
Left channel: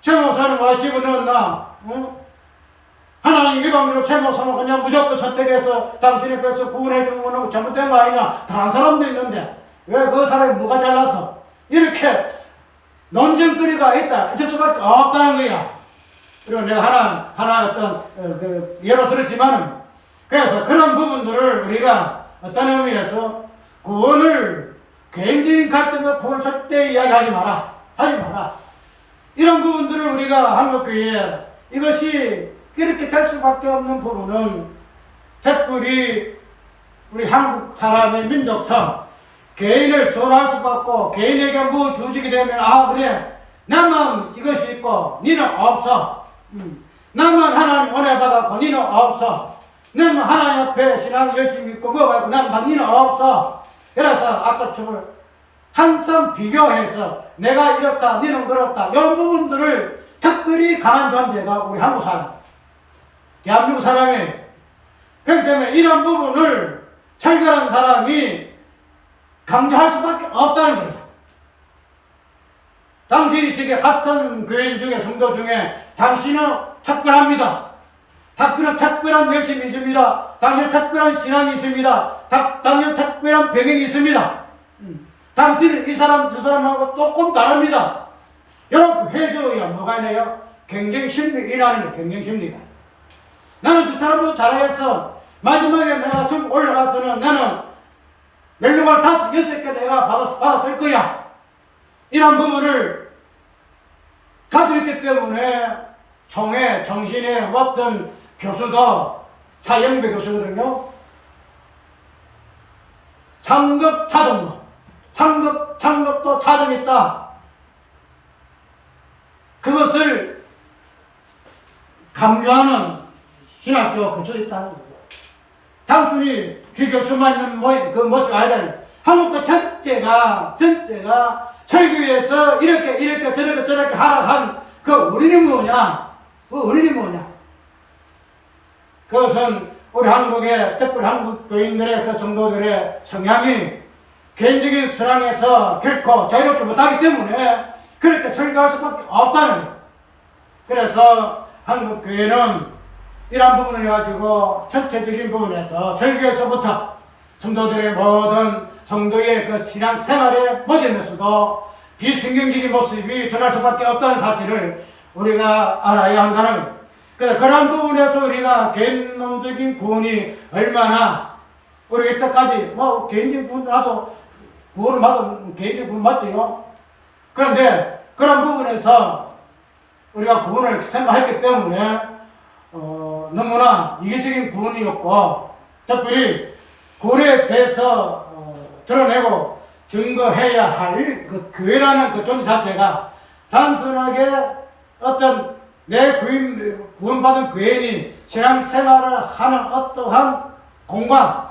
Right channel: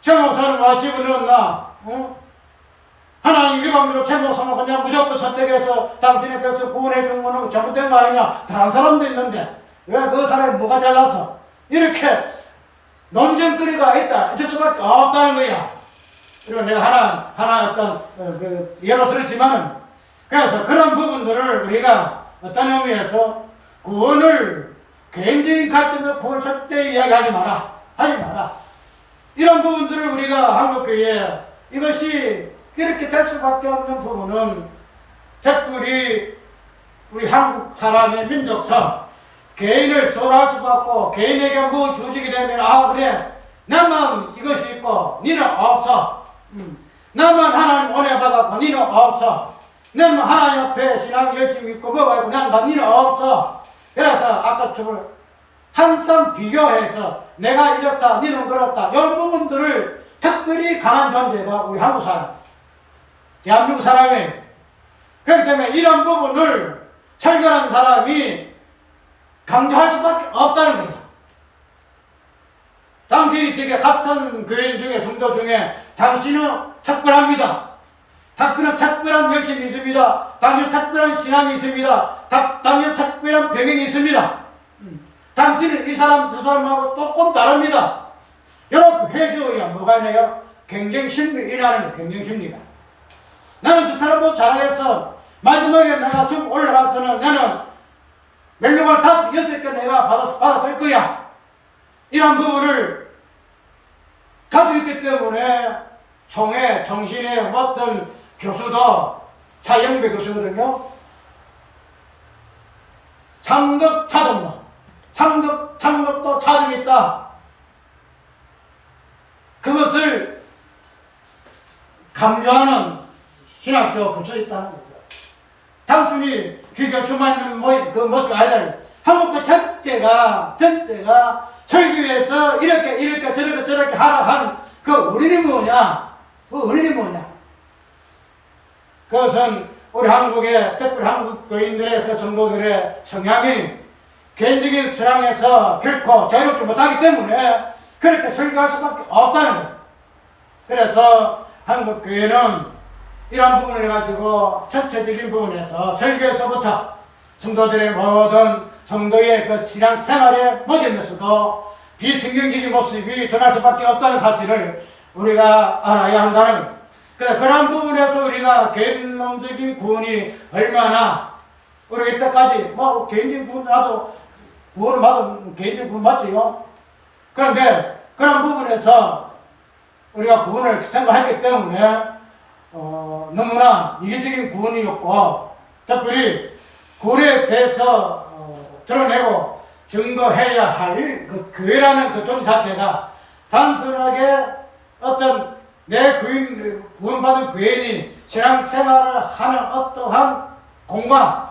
최 목사를 와 집어넣었나? 하나님 일방적으로 최 목사는 그냥 무조건 선택해서 당신의 백성 구원해 주는 거는 잘못된 거 아니냐? 다른 사람도 있는데 왜 그 사람이 뭐가 잘났어? 이렇게 논쟁거리가 있다. 있을 수밖에 없다는 거야. 그리고 내가 하나 어떤 그 예로 들었지만은 그래서 그런 부분들을 우리가 어떤 의미에서 구원을 개인적인 관점으로 구원을 절대 이야기하지 마라. 하지 마라. 이런 부분들을 우리가 한국교회에 이것이 이렇게 될 수밖에 없는 부분은 특별히 우리 한국 사람의 민족성 개인을 소홀할 수밖에 없고 개인에게 뭐 주어지게 되면 아 그래 나만 이것이 있고 니는 없어. 나만 하나님 은혜 받았고 니는 없어. 나만 하나님 앞에 신앙 열심히 있고 뭐가 있고 나는 니는 없어. 그래서 아까처럼 항상 비교해서 내가 이렇다 니는 그렇다 이런 부분들을 특별히 강한 존재가 우리 한국 사람 대한민국 사람이에요. 그렇기 때문에 이런 부분을 철결한 사람이 강조할 수밖에 없다는 거야. 당신이 지금 같은 교인 중에 성도 중에 당신은 특별합니다. 당신은 특별한 열심이 있습니다. 당신은 특별한 신앙이 있습니다. 당신은 특별한 배경이 있습니다. 당신은 이 사람 저 사람하고 조금 다릅니다. 이렇게 해줘야 뭐가 있나요? 경쟁심리 일하는 거예요. 경쟁심리가. 나는 저 사람보다 잘하겠어. 마지막에 내가 좀 올라가서는 나는 멜로걸 5, 6개 내가 받았을 거야. 이런 부분을 가지고 있기 때문에 총회, 정신의 어떤 교수도 차영배 교수거든요. 3급 차등만. 3급, 창급도 차등이 있다. 그것을 강조하는 신학교 교수도 있다는 거죠. 단순히 귀교수만 있는 그 모습이 아니라 한국 전체가 설교에서 이렇게 저렇게 하라 한 그 원인이 뭐냐? 그 원인이 뭐냐? 그것은 우리 한국의 특별히 한국 교인들의 그 성도들의 성향이 개인적인 신앙에서 결코 자유롭지 못하기 때문에 그렇게 설교할 수밖에 없다는 거예요. 그래서 한국 교회는 이런 부분을 가지고 전체적인 부분에서 설교에서부터 성도들의 모든 성도의 그 신앙 생활의 모습에서도 비성경적인 모습이 드러날 수밖에 없다는 사실을 우리가 알아야 한다는 거예요. 그런 부분에서 우리가 개인적인 구원이 얼마나 우리가 이때까지 뭐 개인적인 구원 나도 구원을 받은 개인적인 구원 맞죠. 그런데 그런 부분에서 우리가 구원을 생각했기 때문에 너무나 이기적인 구원이었고 특별히 구원에 대해서 드러내고 증거해야 할 그 교회라는 그 존재 자체가 단순하게 어떤 내 구원받은 교인이 신앙생활을 하는 어떠한 공간,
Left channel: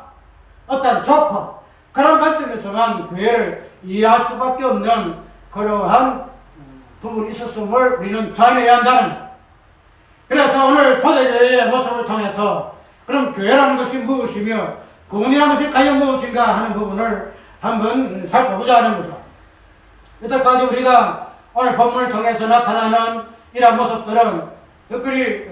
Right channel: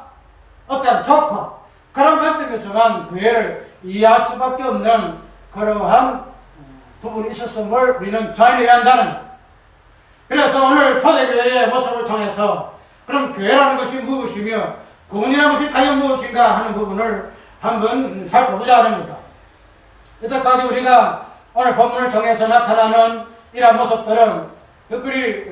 어떤 조건, 그런 관점에서만 교회를 이해할 수밖에 없는 그러한 부분이 있었음을 우리는 자인해야 한다는 것. 그래서 오늘 초대교회의 모습을 통해서 그럼 교회라는 것이 무엇이며 구원이라는 것이 과연 무엇인가 하는 부분을 한번 살펴보자 하는 거죠. 여태까지 우리가 오늘 본문을 통해서 나타나는 이러한 모습들은 특별히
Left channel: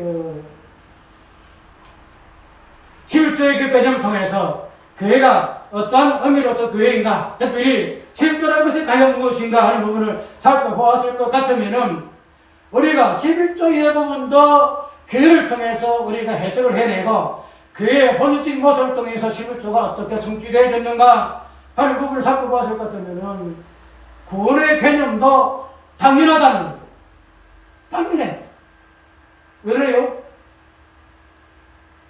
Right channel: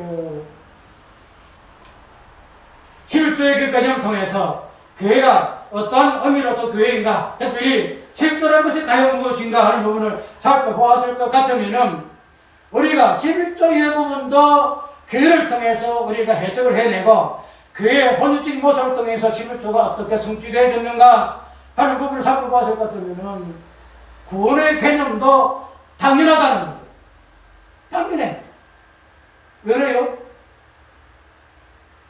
11조의 그 개념을 통해서 교회가 어떠한 의미로서 교회인가, 특별히 11조라는 것이 과연 무엇인가 하는 부분을 살펴보았을 것 같으면은 우리가 11조의 부분도 교회를 통해서 우리가 해석을 해내고 교회의 본질적인 모습을 통해서 11조가 어떻게 성취되어졌는가 하는 부분을 살펴보았을 것 같으면은 구원의 개념도 당연하다는 거죠. 당연해. 왜 그래요?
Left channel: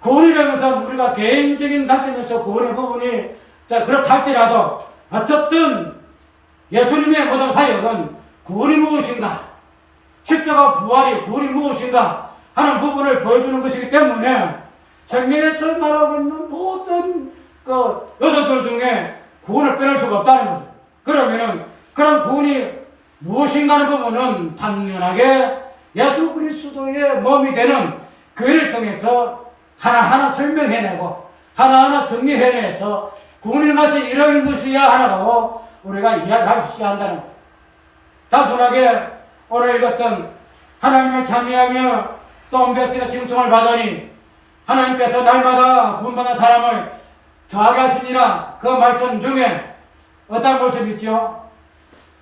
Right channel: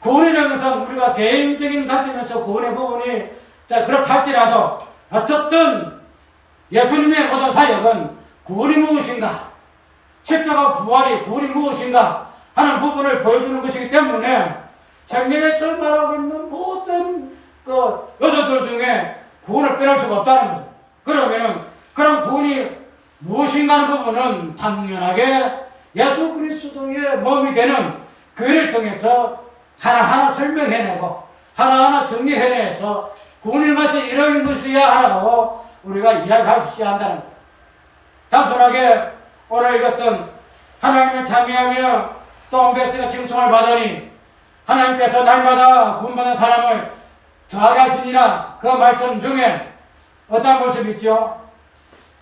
구원이라는 것은 우리가 개인적인 관점에서 구원의 부분이 그렇다 할지라도 어쨌든 예수님의 모든 사역은 구원이 무엇인가, 십자가 부활이 구원이 무엇인가 하는 부분을 보여주는 것이기 때문에 생명에서 말하고 있는 모든 그 요소들 중에 구원을 빼놓을 수가 없다는 거죠. 그러면은 그런 구원이 무엇인가 하는 부분은 당연하게 예수 그리스도의 몸이 되는 교회를 통해서 하나하나 설명해내고 하나하나 정리해내서 구원의 맛이 이런 것이야 하나라고 우리가 이야기하셔야 한다는 거예요. 단순하게 오늘 읽었던 하나님을 찬미하며 또 온베스가 칭송을 받으니 하나님께서 날마다 구원받는 사람을 더하게 하시니라 그 말씀 중에 어떤 모습이 있죠?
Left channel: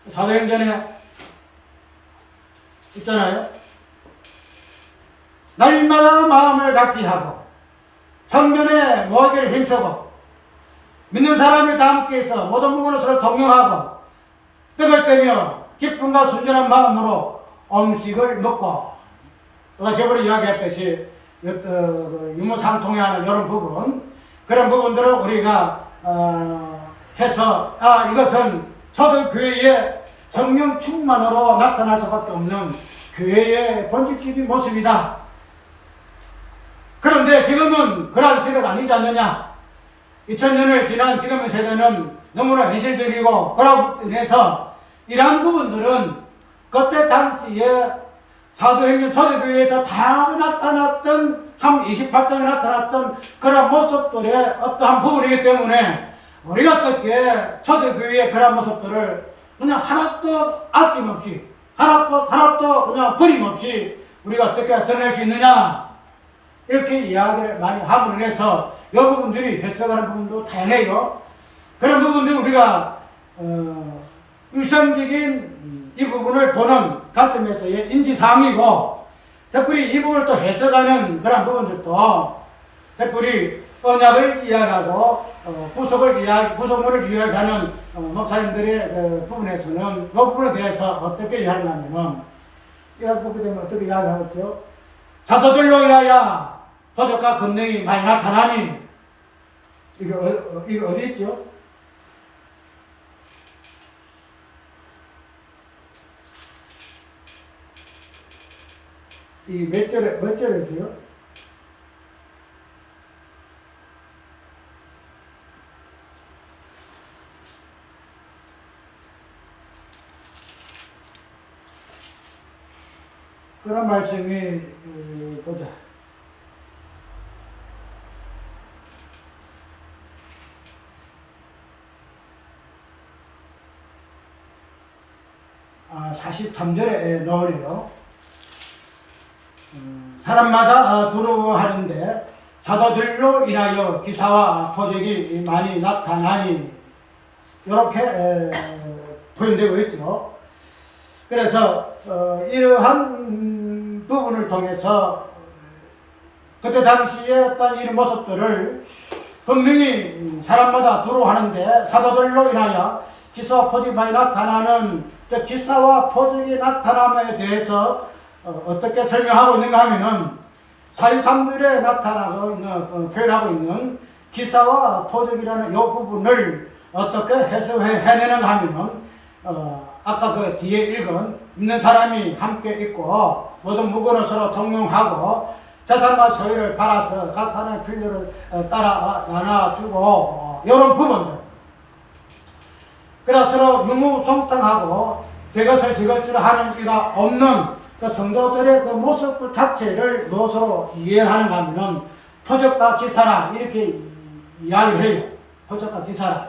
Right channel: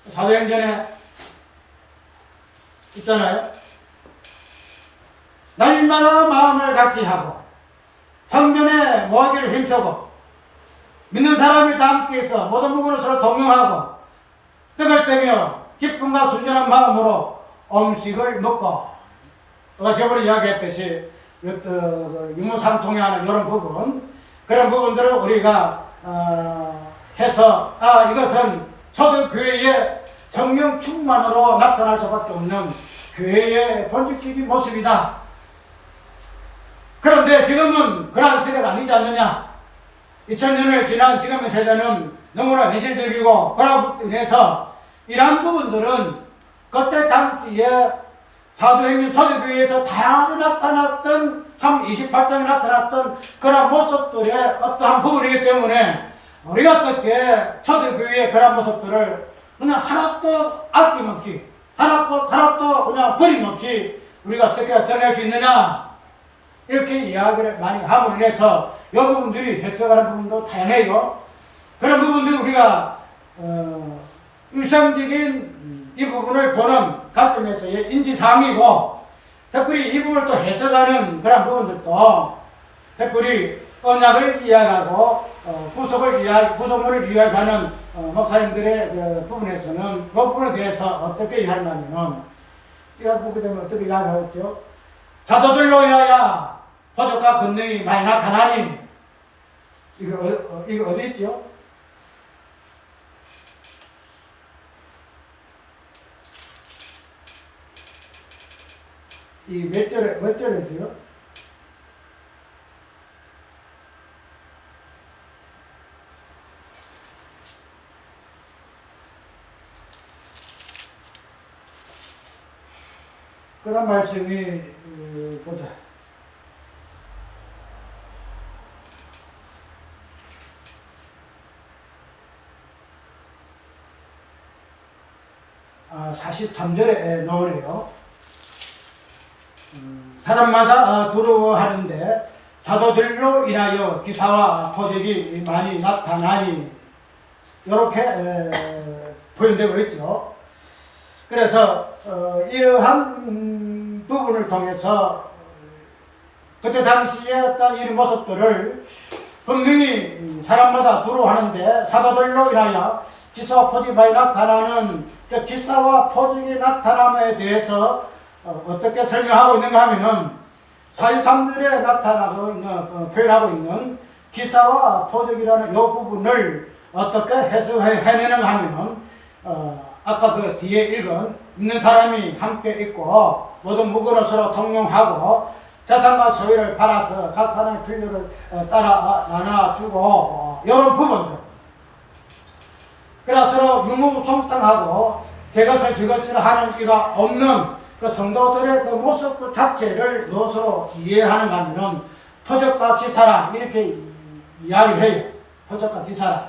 사도행전에 있잖아요. 날마다 마음을 같이 하고 성전에 모이기를 힘쓰고 믿는 사람이 다 함께해서 모든 무거운 서로 동용하고 떡을 떼며 기쁨과 순전한 마음으로 음식을 먹고 저번에 이야기했듯이 유무상통에 하는 이런 부분 그런 부분들을 우리가 해서 이것은 초대교회의 성령 충만으로 나타날 수밖에 없는 교회의 본질적인 모습이다. 그런데 지금은 그러한 세대가 아니지 않느냐. 2000년을 지난 지금의 세대는 너무나 현실적이고 그러고 인해서 이러한 부분들은 그때 당시에 사도행전 초대교회에서 다양하게 나타났던 28장에 나타났던 그런 모습들의 어떠한 부분이기 때문에 우리가 어떻게 초대교회의 그런 모습들을 그냥 하나도 아낌없이 하나도 그냥 버림없이 우리가 어떻게 드러낼 수 있느냐 이렇게 이야기를 많이 함으로 인해서 이 부분들이 해석하는 부분도 다양해요. 그런 부분들 우리가 일상적인 이 부분을 보는 관점에서의 인지사항이고 특별히 이 부분을 또 해석하는 그런 부분들도 특별히 언약을 이야기하고 구속물을 이야기하는 목사님들의 그 부분에서는 이 부분에 대해서 어떻게 이야기하냐면은 이거 보게 되면 어떻게 이야기하겠죠? 사도들로 인하여 표적과 권능이 많이 나타나니 이거 어디 있죠? 이 몇 절에서요? 그런 말씀이 보자. 아, 43절에 나오네요. 사람마다 두려워하는데 사도들로 인하여 기사와 표적이 많이 나타나니 이렇게 표현되고 있죠. 그래서 이러한 부분을 통해서 그때 당시에 어떤 이런 모습들을 분명히 사람마다 두려워하는데 사도들로 인하여 기사와 표적이 많이 나타나는 저 기사와 표적이 나타남에 대해서 어떻게 설명하고 있는가 하면은 4.13들에 나타나고 있는 표현하고 있는 기사와 표적이라는 이 부분을 어떻게 해석해내는가 하면은 아까 그 뒤에 있는 사람이 함께 있고 모든 무고로 서로 동용하고 재산과 소유를 팔아서 각 사람의 필요를 따라 나눠주고 이런 부분들. 그래서 서로 유무성탕하고 저것을 하는 이가 없는 그 성도들의 그 모습 자체를 무엇으로 이해하는가 하면은 표적과 기사라 이렇게 이야기를 해요. 표적과 기사라.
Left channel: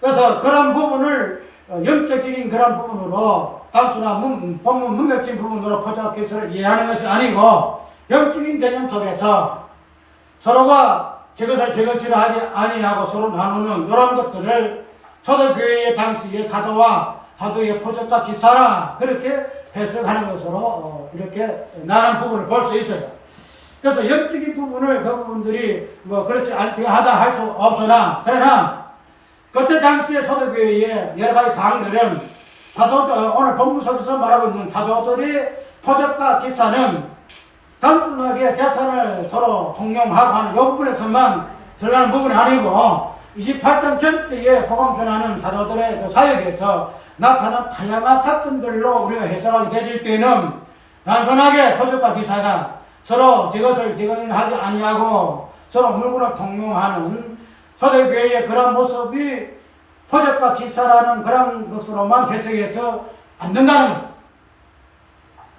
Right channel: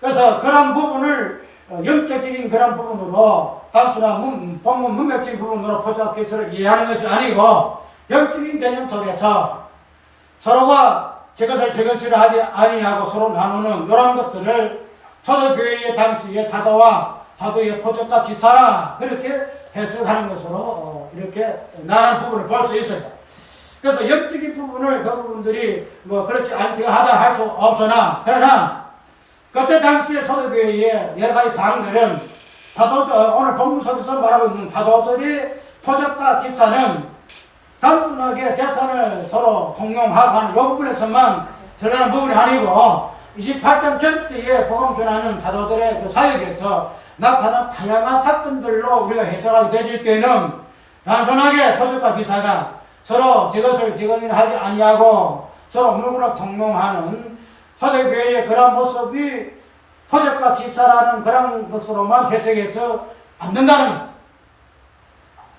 그래서 그런 부분을 영적인 그런 부분으로 단순한 본문 문맥적인 부분으로 표적과 기사를 이해하는 것이 아니고 영적인 개념 속에서 서로가 저것을 하지 아니하고 서로 나누는 이런 것들을 초대교회의 당시의 사도의 표적과 기사라 그렇게 해석하는 것으로 이렇게 나간 부분을 볼 수 있어요. 그래서 영적인 부분을 그 부분들이 뭐 그렇지 않게 하다 할 수 없으나 그러나 그때 당시의 초대교회의 여러 가지 사항들은 사도들 오늘 본문 속에서 말하고 있는 사도들의 표적과 기사는 단순하게 재산을 서로 통용하고 하는 이 부분에서만 드러나는 부분이 아니고 28장 전체에 복음 전하는 사도들의 그 사역에서 나타난 다양한 사건들로 우리가 해석하게 되질 때는 단순하게 표적과 기사가 서로 저것을 하지 아니하고 서로 물건을 통용하는 초대교회의 그런 모습이 표적과 기사라는 그런 것으로만 해석해서 안 된다는 것.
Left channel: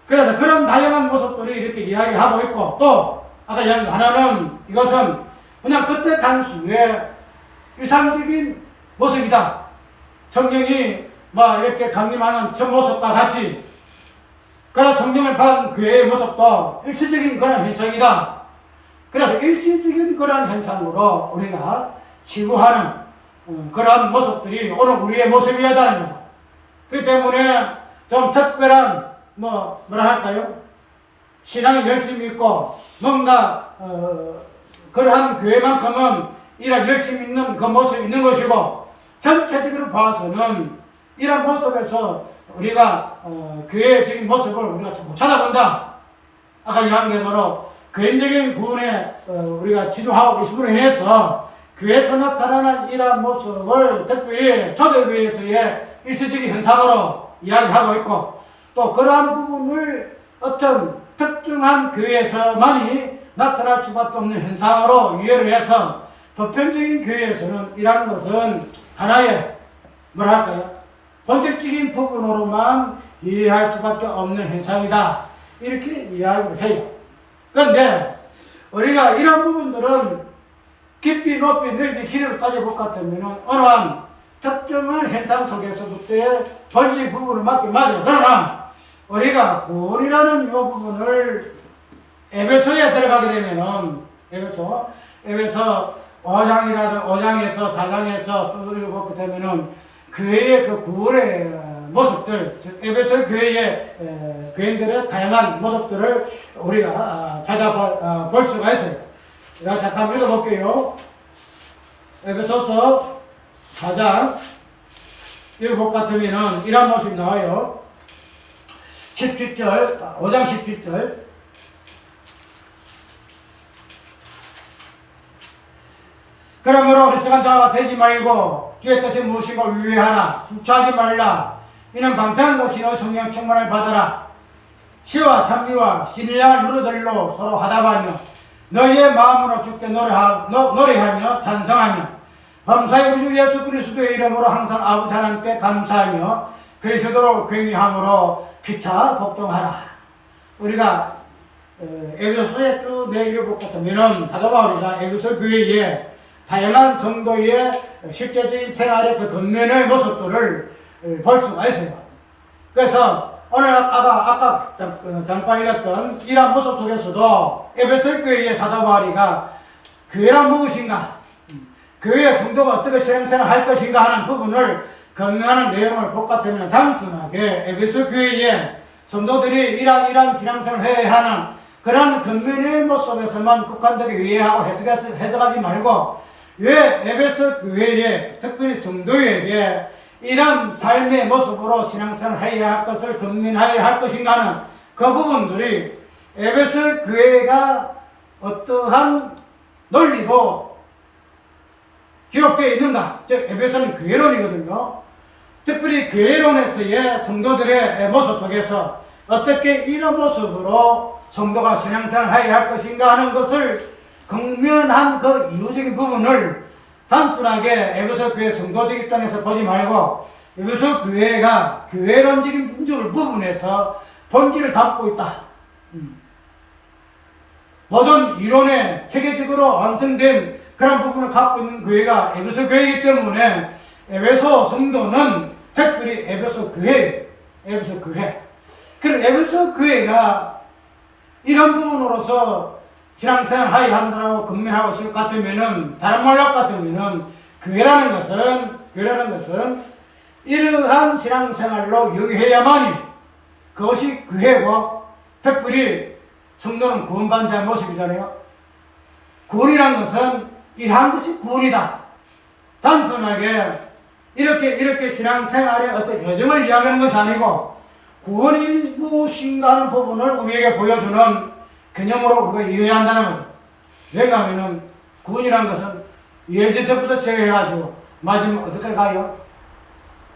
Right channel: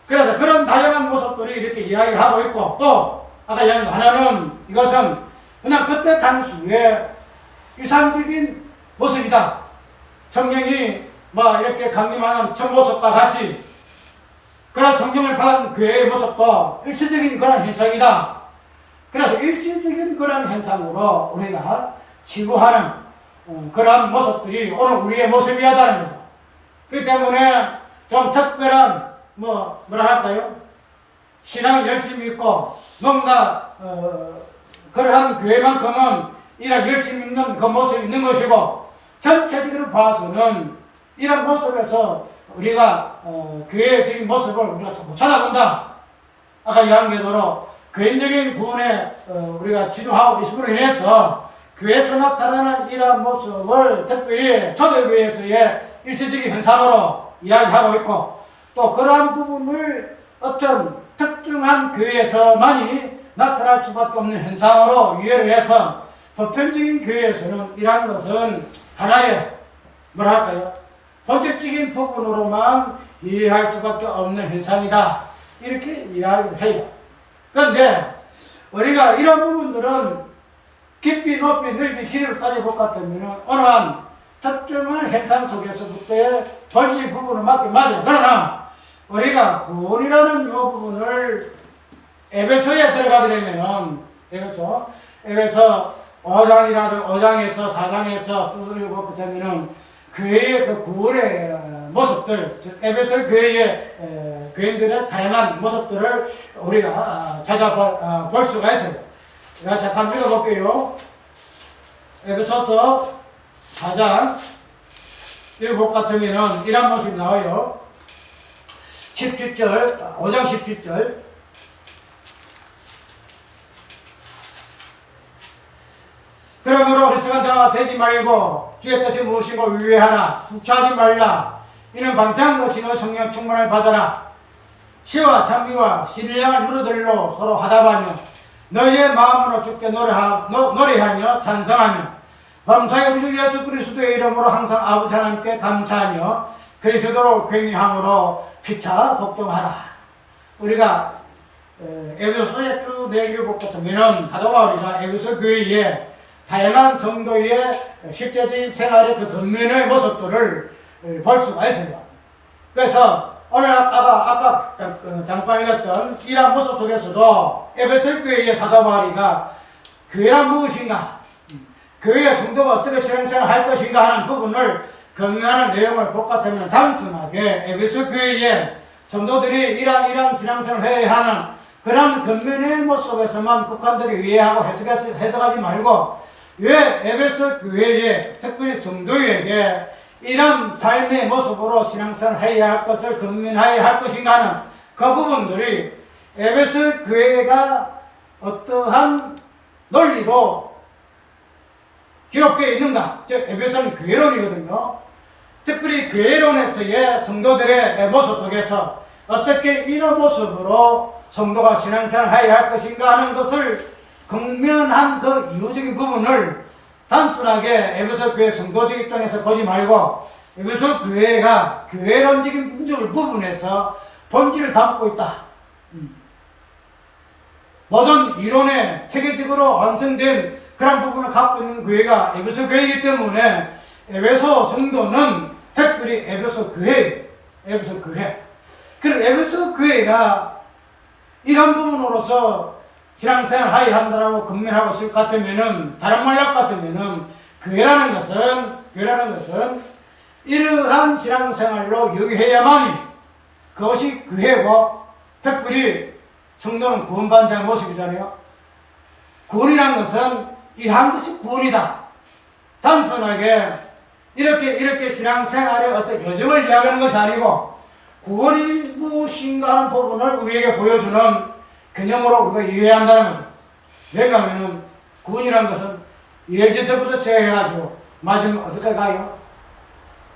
그래서 그런 다양한 모습들이 이렇게 이야기하고 있고 또 아까 하나는 이것은 그냥 그때 당시에 일상적인 모습이다. 성령이 이렇게 강림하는 첫 모습과 같이 그런 성령을 받은 교회의 모습도 일시적인 그런 현상이다. 그래서 일시적인 그런 현상으로 우리가 치부하는 그런 모습들이 오늘 우리의 모습이었다는 거죠. 그렇기 때문에 좀 특별한 뭐라 할까요? 신앙이 열심히 있고 뭔가 그러한 교회만큼은 이런 열심히 있는 그 모습이 있는 것이고 전체적으로 봐서는 이런 모습에서 우리가 교회적인 모습을 우리가 못 찾아본다. 아까 이야기대로 개인적인 부분에 우리가 치중하고 있음으로 인해서 교회에서 나타나는 이런 모습을 특별히 초대교회에서의 일시적인 현상으로 이야기하고 있고 또 그러한 부분을 어떤 특정한 교회에서만이 나타날 수밖에 없는 현상으로 이해를 해서 보편적인 교회에서는 이러한 것은 하나의 뭐랄까요? 본질적인 부분으로만 이해할 수밖에 없는 현상이다. 이렇게 이야기를 해요. 그런데 우리가 이런 부분들은 깊이 높이 넓이 길이로 따져볼 것 같으면 어느 한 특정한 현상 속에서부터의 본질 부분을 맞긴 맞아요. 그러나 우리가 구원이라는 이 부분을 에베소에 들어가게 되면은 에베소 5장에서 4장에서 쭉 읽어보게 되면은 교회의 그 구원의 모습들, 즉 에베소 교회의 교인들의 다양한 모습들을 우리가 찾아볼 수가 있어요. 제가 잠깐 읽어볼게요. 에베소서 4장 읽어볼 것 같으면은 이런 모습이 나와요. 17절, 5장 17절. 그러므로 어리석은 자가 되지 말고 주의 뜻이 무엇이고 유의하라. 수치하지 말라. 이는 방탕한 것이너 성령 충만을 받아라. 시와 찬미와 신령한 누르들로 서로 화답하며 너희의 마음으로 주께 노래하며 찬성하며 범사의 우리 주 예수 그리스도의 이름으로 항상 아버지 하나님께 감사하며 그리스도로 굉장함으로 피차 복종하라. 우리가 에베소서에 쭉 내기를 볼 것 같으면 사도 바울이가 에베소 교회에 다양한 성도의 실제적인 생활의 그 겉면의 모습들을 볼 수가 있어요. 그래서 오늘 아까 잠깐 읽었던 이러한 모습 속에서도 에베소 교회의 사도 바울이가 교회란 무엇인가, 교회의 성도가 어떻게 신앙생활 할 것인가 하는 부분을 건면하는 내용을 볼 것 같으면 단순하게 에베소 교회의 성도들이 이러한 신앙생활을 해야 하는 그런 근면의 모습에서만 국한되기 위해하고 해석하지 말고, 왜 에베소 교회에 특별히 성도에게 이런 삶의 모습으로 신앙생활을 해야 할 것을 근면해야 할 것인가 하는 그 부분들이 에베소 교회가 어떠한 논리로 기록되어 있는가, 즉 에베소는 교회론이거든요. 특별히 교회론에서의 성도들의 모습 속에서 어떻게 이런 모습으로 성도가 신앙생활을 해야 할 것인가 하는 것을 극면한 그 이유적인 부분을 단순하게 에베소 교회 성도적 입장에서 보지 말고 에베소 교회가 교회론적인 부분에서 본질을 담고 있다. 모든 이론에 체계적으로 완성된 그런 부분을 갖고 있는 교회가 에베소 교회이기 때문에 에베소 성도는 특별히 에베소 교회. 그럼 에베소 교회가 이런 부분으로서 신앙생활 하여야 한다라고 금면하고 있을 것 같으면은, 다른 말로 같으면은, 교회라는 것은 이러한 신앙생활로 여기해야만이 그것이 교회고, 특별히 성도는 구원받은 자의 모습이잖아요. 구원이란 것은 이러한 것이 구원이다. 단순하게 이렇게 신앙생활의 어떤 여정을 이야기하는 것이 아니고, 구원이 무엇인가 하는 부분을 우리에게 보여주는 개념으로 우리가 이해해야 한다는 거죠. 왜냐하면 구원이라는 것은 예제서부터 시작해가지고 마지막 어디까지 가요?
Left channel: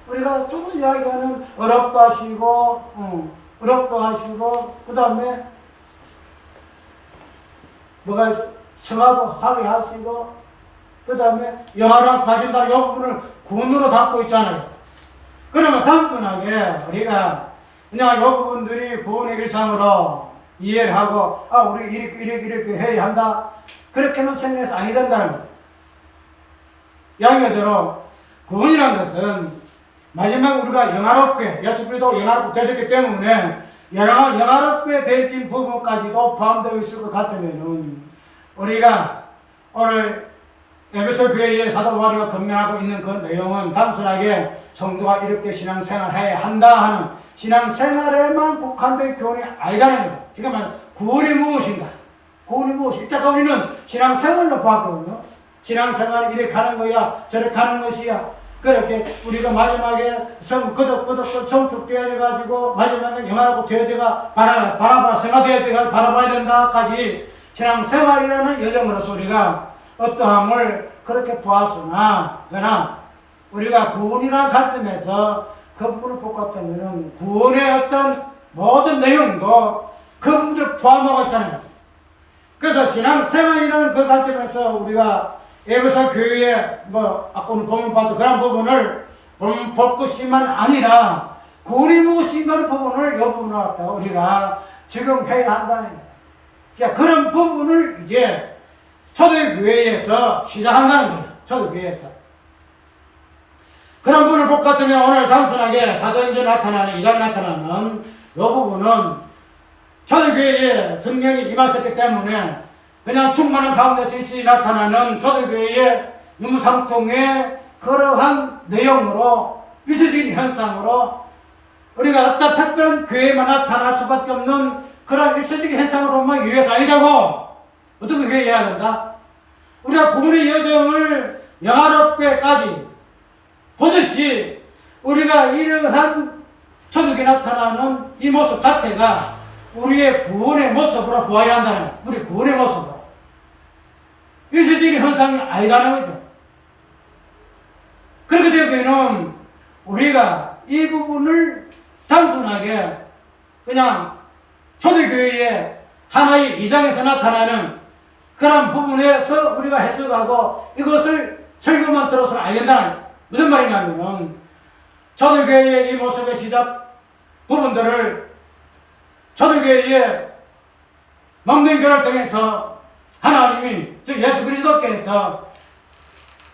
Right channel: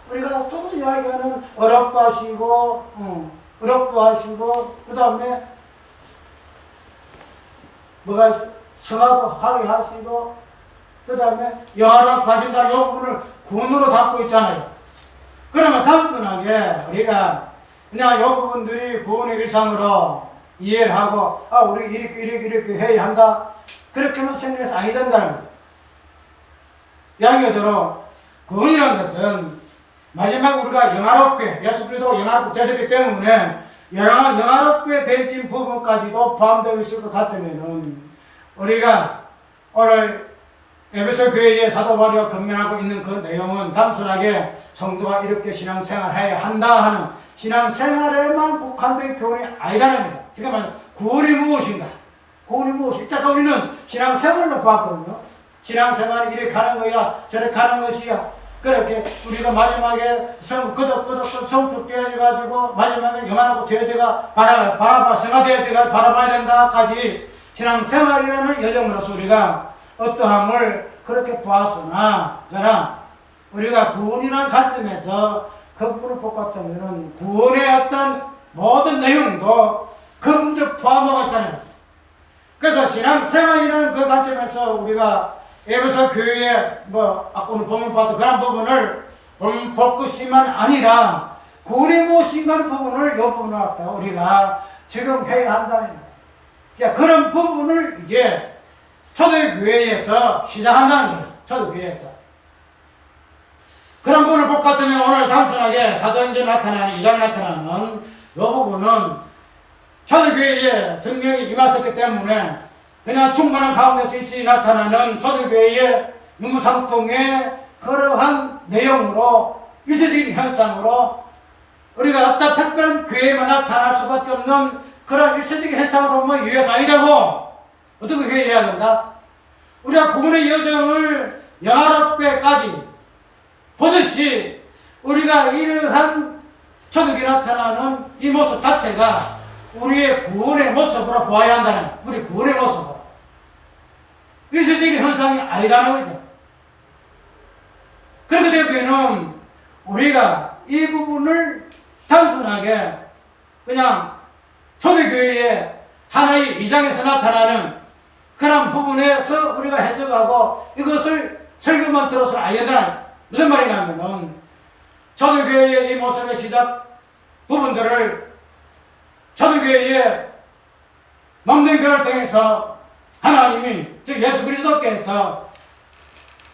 우리가 좀 이야기하는 어렵도 하시고, 그 다음에 뭐가 성화도 하게 하시고, 그 다음에 영화를 가진다, 이 부분을 구원으로 담고 있잖아요. 그러면 단순하게 우리가 그냥 이 부분들이 구원의 일상으로 이해를 하고, 우리 이렇게 해야 한다, 그렇게만 생각해서 아니 된다는 거죠. 이야기대로 구원이라는 것은 마지막에 우리가 영화롭게, 예수 그리스도 영화롭게 되셨기 때문에 영화롭게 될 부분까지도 포함되어 있을 것 같으면은, 우리가 오늘 에베소 교회의 사도 바울이 건면하고 있는 그 내용은 단순하게 성도가 이렇게 신앙생활해야 한다 하는 신앙생활에만 국한된 교훈이 아니라는 거죠. 그러니까 구원이 무엇인가? 이따가 우리는 신앙생활로 봤거든요. 신앙생활이 이렇게 가는 거야, 저렇게 가는 것이야. 그렇게 우리가 마지막에 성축되어져가지고 마지막에 영화라고 되어져가 성화되어져가 바라봐야 된다까지 신앙생활이라는 여정으로서 우리가 어떠함을 그렇게 보았으나, 그러나 우리가 구원이라는 관점에서 그 부분을 볼 것 같으면은 구원의 어떤 모든 내용도 그 부분을 포함하고 있다는 거죠. 그래서 신앙생활이라는 그 관점에서 우리가 에베소 교회에 아까 오늘 본문 봤던 그런 부분을 볼 것이만 아니라 구원이 무엇인가 하는 부분을 이 부분을 갖다 우리가 적용해야 한다는 거예요. 그러니까 그런 부분을 이제 초대교회에서 시작한다는 거예요. 초대교회에서. 그런 부분을 볼 것 같으면 오늘 단순하게 사도행전에 나타나는, 2장에 나타나는 이 부분은 초대교회에 성령이 임하셨기 때문에 그냥 충만한 가운데서 일시 나타나는 초대교회의 유무상통의 그러한 내용으로, 위세적인 현상으로 우리가 어떤 특별한 교회에만 나타날 수밖에 없는 그런 일시적인 현상으로만 이해해서 아니다고 어떻게 해야 된다? 우리가 구원의 여정을 영화롭게까지 보듯이 우리가 이러한 초대교회에 나타나는 이 모습 자체가 우리의 구원의 모습으로 보아야 한다는 거예요. 우리 구원의 모습으로. 일시적인 현상이 아니라는 거죠. 그렇게 되면 우리가 이 부분을 단순하게 그냥 초대교회의 하나의 이장에서 나타나는 그런 부분에서 우리가 해석하고 이것을 설교만 들어서는 안 된다는, 무슨 말인가 하면은 초대교회의 이 모습의 시작 부분들을 초대교회의 먹는 교를 통해서 하나님이, 즉 예수 그리스도께서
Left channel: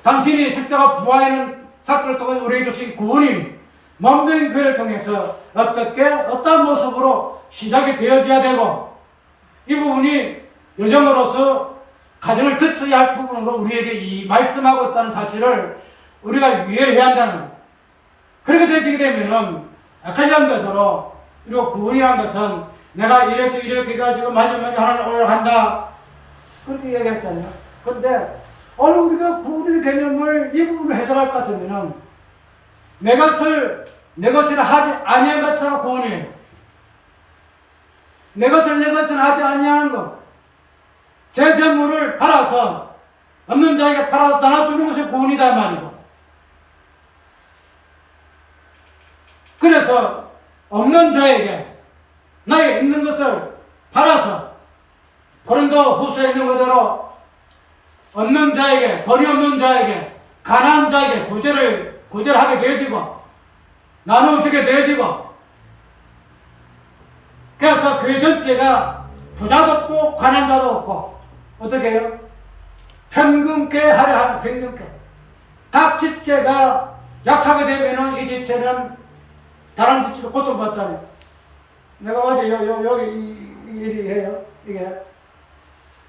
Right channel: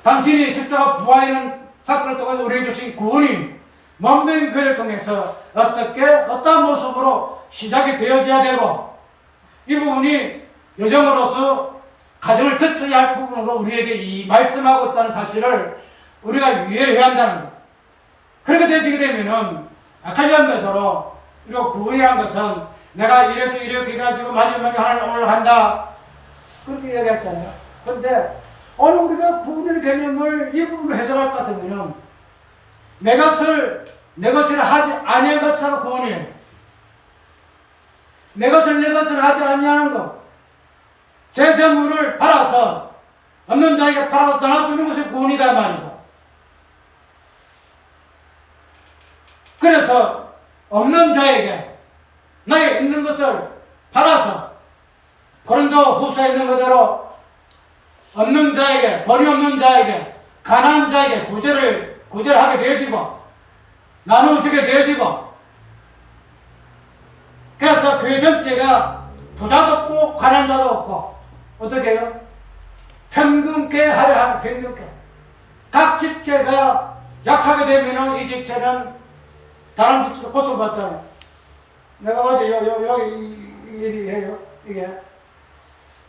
당신이 십자가 부활하는 사건을 통해 우리에게 주신 구원이 몸된 교회를 통해서 어떤 모습으로 시작이 되어져야 되고, 이 부분이 여정으로서 가정을 거쳐야 할 부분으로 우리에게 이 말씀하고 있다는 사실을 우리가 이해해야 한다는 것. 그렇게 되지게 되면은 아까 얘기한 대로 구원이라는 것은 내가 이렇게 가지고 마지막에 하나님 올라간다, 그렇게 얘기했잖아요. 그런데 오늘 우리가 구원의 개념을 이 부분으로 해석할 것 같으면은 내 것을 하지 아니한 것처럼 구원이에요. 내 것을 하지 아니하는 것, 제 재물을 팔아서 없는 자에게 팔아서 나눠주는 것이 구원이다 말이고, 그래서 없는 자에게 나의 있는 것을 팔아서 고린도 후서에 있는 그대로 없는 자에게, 돈이 없는 자에게, 가난한 자에게 구제하게 되어지고 나누어주게 되어지고, 그래서 교회 전체가 부자도 없고 가난자도 없고 어떻게 해요? 평균케 하려 하는 평균케. 각 지체가 약하게 되면은 이 지체는 다른 지체로 고통받잖아요. 내가 어제 여기 이 해요. 이게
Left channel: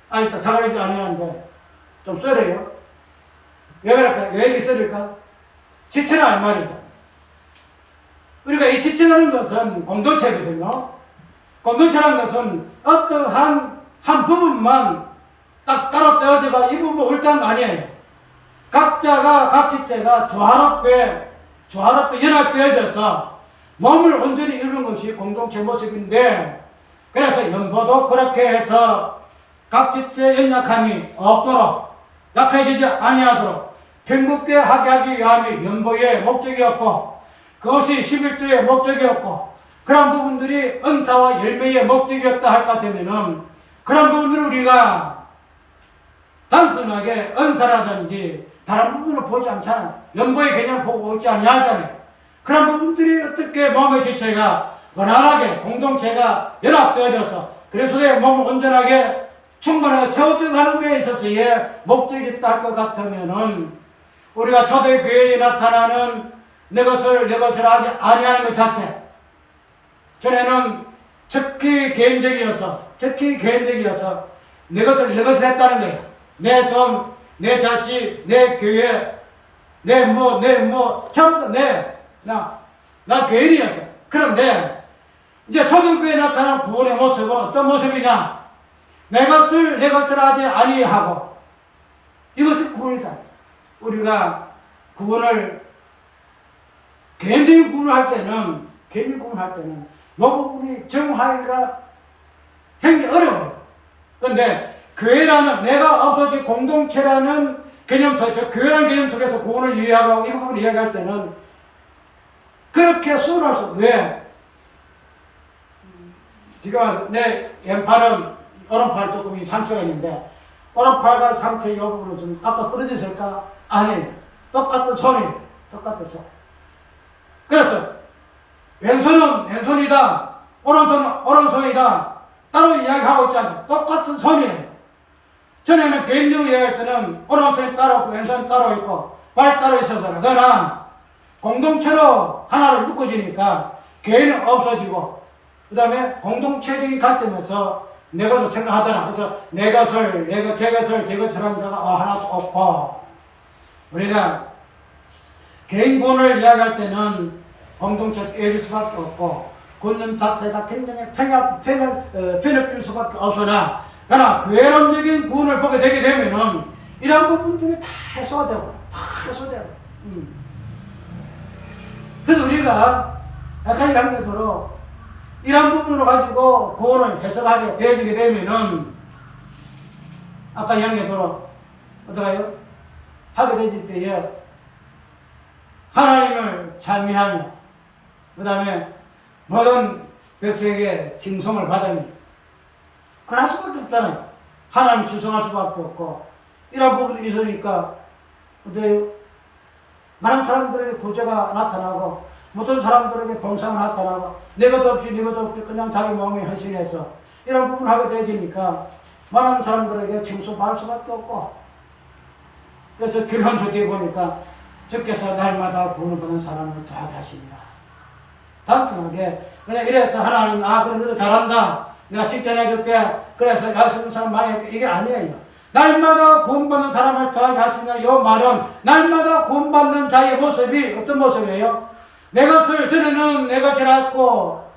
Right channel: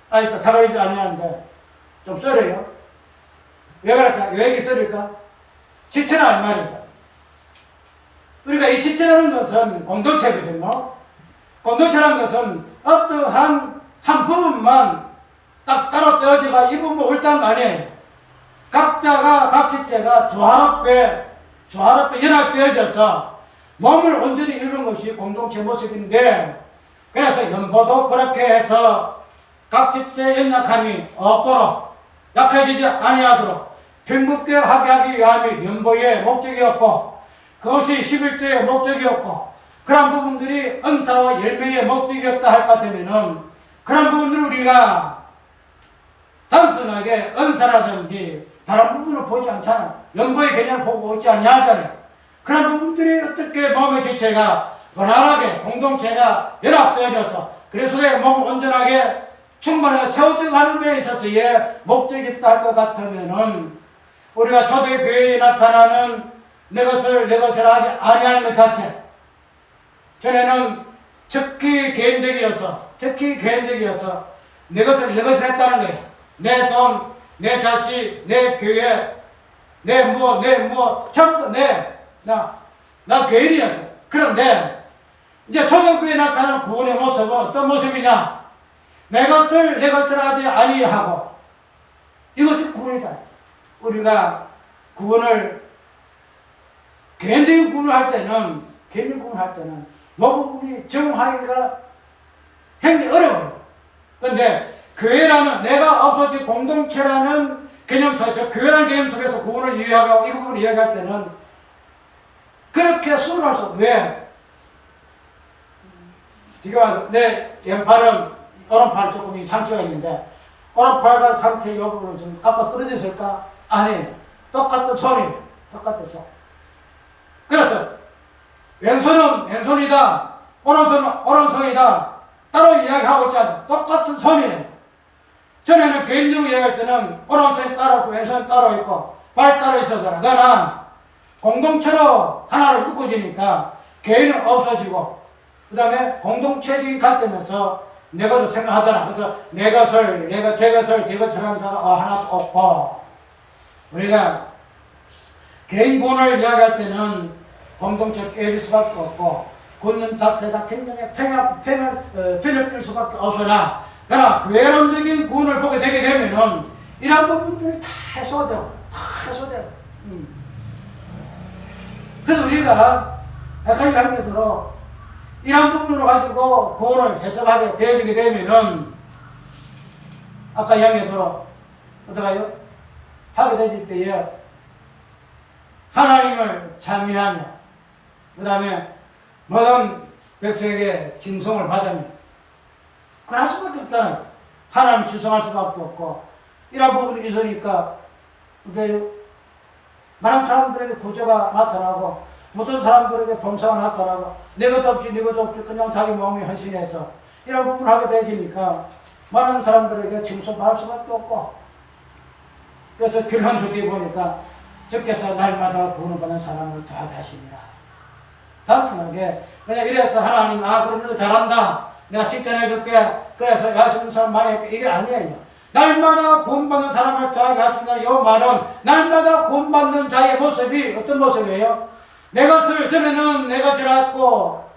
아이다 사과하지 아니하는데 좀 썰어요. 왜 그럴까? 왜 이렇게 썰을까? 지체란 말이죠. 우리가 이 지체라는 것은 공동체거든요. 공동체라는 것은 어떠한 한 부분만 딱 따로 떼어져가 이 부분 옳다는 거 아니에요. 각 지체가 조화롭게 연합되어져서 몸을 온전히 이루는 것이 공동체 모습인데, 그래서 연보도 그렇게 해서 각 지체의 연약함이 없도록, 약해지지 아니하도록 평균케 하게 하기 위함이 연보의 목적이었고, 그것이 11조의 목적이었고, 그런 부분들이 은사와 열매의 목적이었다 할 것 같으면은 그런 부분들을 우리가 단순하게 은사라든지 다른 부분을 보지 않잖아요. 연보의 개념을 보고 있지 않냐잖아요. 그런 부분들이 어떻게 몸의 지체가 원활하게 공동체가 연합되어져서 그래서 내 몸을 온전하게 충분하게 세워져가는 데 있어서의 목적이 있다 할 것 같으면은 우리가 초대교회에 나타나는 내 것을 하지 아니하는 것 자체, 전에는 특히 개인적이어서 내 것을 했다는 거예요. 내 돈, 내 자식, 내 교회, 전부 나 개인이었어요. 그런데 이제 초대교회에 나타나는 구원의 모습은 어떤 모습이냐? 내 것을 하지 아니하고, 이것이 구원이다. 우리가 구원을 개인적인 구원을 할 때는 이 부분이 정하기가 굉장히 어려워요. 그런데 교회라는, 내가 없어진 공동체라는 개념 속에서, 교회라는 개념 속에서 구원을 이해하고 이 부분을 이해할 때는 그렇게 수월할 수 없어요. 왜? 지금 내 왼팔은, 오른팔 조금 상처가 있는데 오른팔과 상처 이 부분을 좀 깎아 떨어졌을까? 아니에요. 똑같은 손이에요. 그래서 왼손은 왼손이다, 오른손은 오른손이다, 따로 이야기하고 있잖아요. 똑같은 손이에요. 전에는 개인적으로 이야기할 때는 오른손이 따로 있고 왼손이 따로 있고 발 따로 있어서, 그러나 공동체로 하나로 묶어지니까 개인은 없어지고, 그 다음에 공동체적인 관점에서 내 것을 생각하더라. 그래서 제 것을 한 자가 하나도 없고, 우리가 개인 구원을 이야기할 때는 공동체 깨질 수밖에 없고, 구원 자체가 굉장히 편협될 수밖에 없으나, 그러나 괴론적인 구원을 보게 되게 되면은 이런 부분들이 다 해소되고. 그래서 우리가 아까 얘기한 대로 이런 부분으로 가지고 구원을 해석하게 되어지게 되면은, 아까 얘기한 대로 어떡해요? 하게 되질 때에 하나님을 찬미하며, 그 다음에 모든 백성에게 칭송을 받으며, 그럴 수밖에 없잖아요. 하나님 칭송할 수밖에 없고, 이런 부분이 있으니까 어때요? 많은 사람들에게 구제가 나타나고, 모든 사람들에게 봉사가 나타나고, 내 것 없이 그냥 자기 마음에 헌신해서 이런 부분을 하게 되지니까 많은 사람들에게 칭송받을 수밖에 없고, 그래서 결론적으로 보니까 주께서 날마다 구원받는 사람을 더하게 하시니라. 단순하게 그냥 이래서 하나님 그럼 너도 잘한다 내가 칭찬해줄게 그래서 야식는 사람 많이 했게 이게 아니에요. 날마다 구원받는 사람을 더하게 하신다는 이 말은 날마다 구원받는 자의 모습이 어떤 모습이에요? 내 것을 전에는 내 것이라고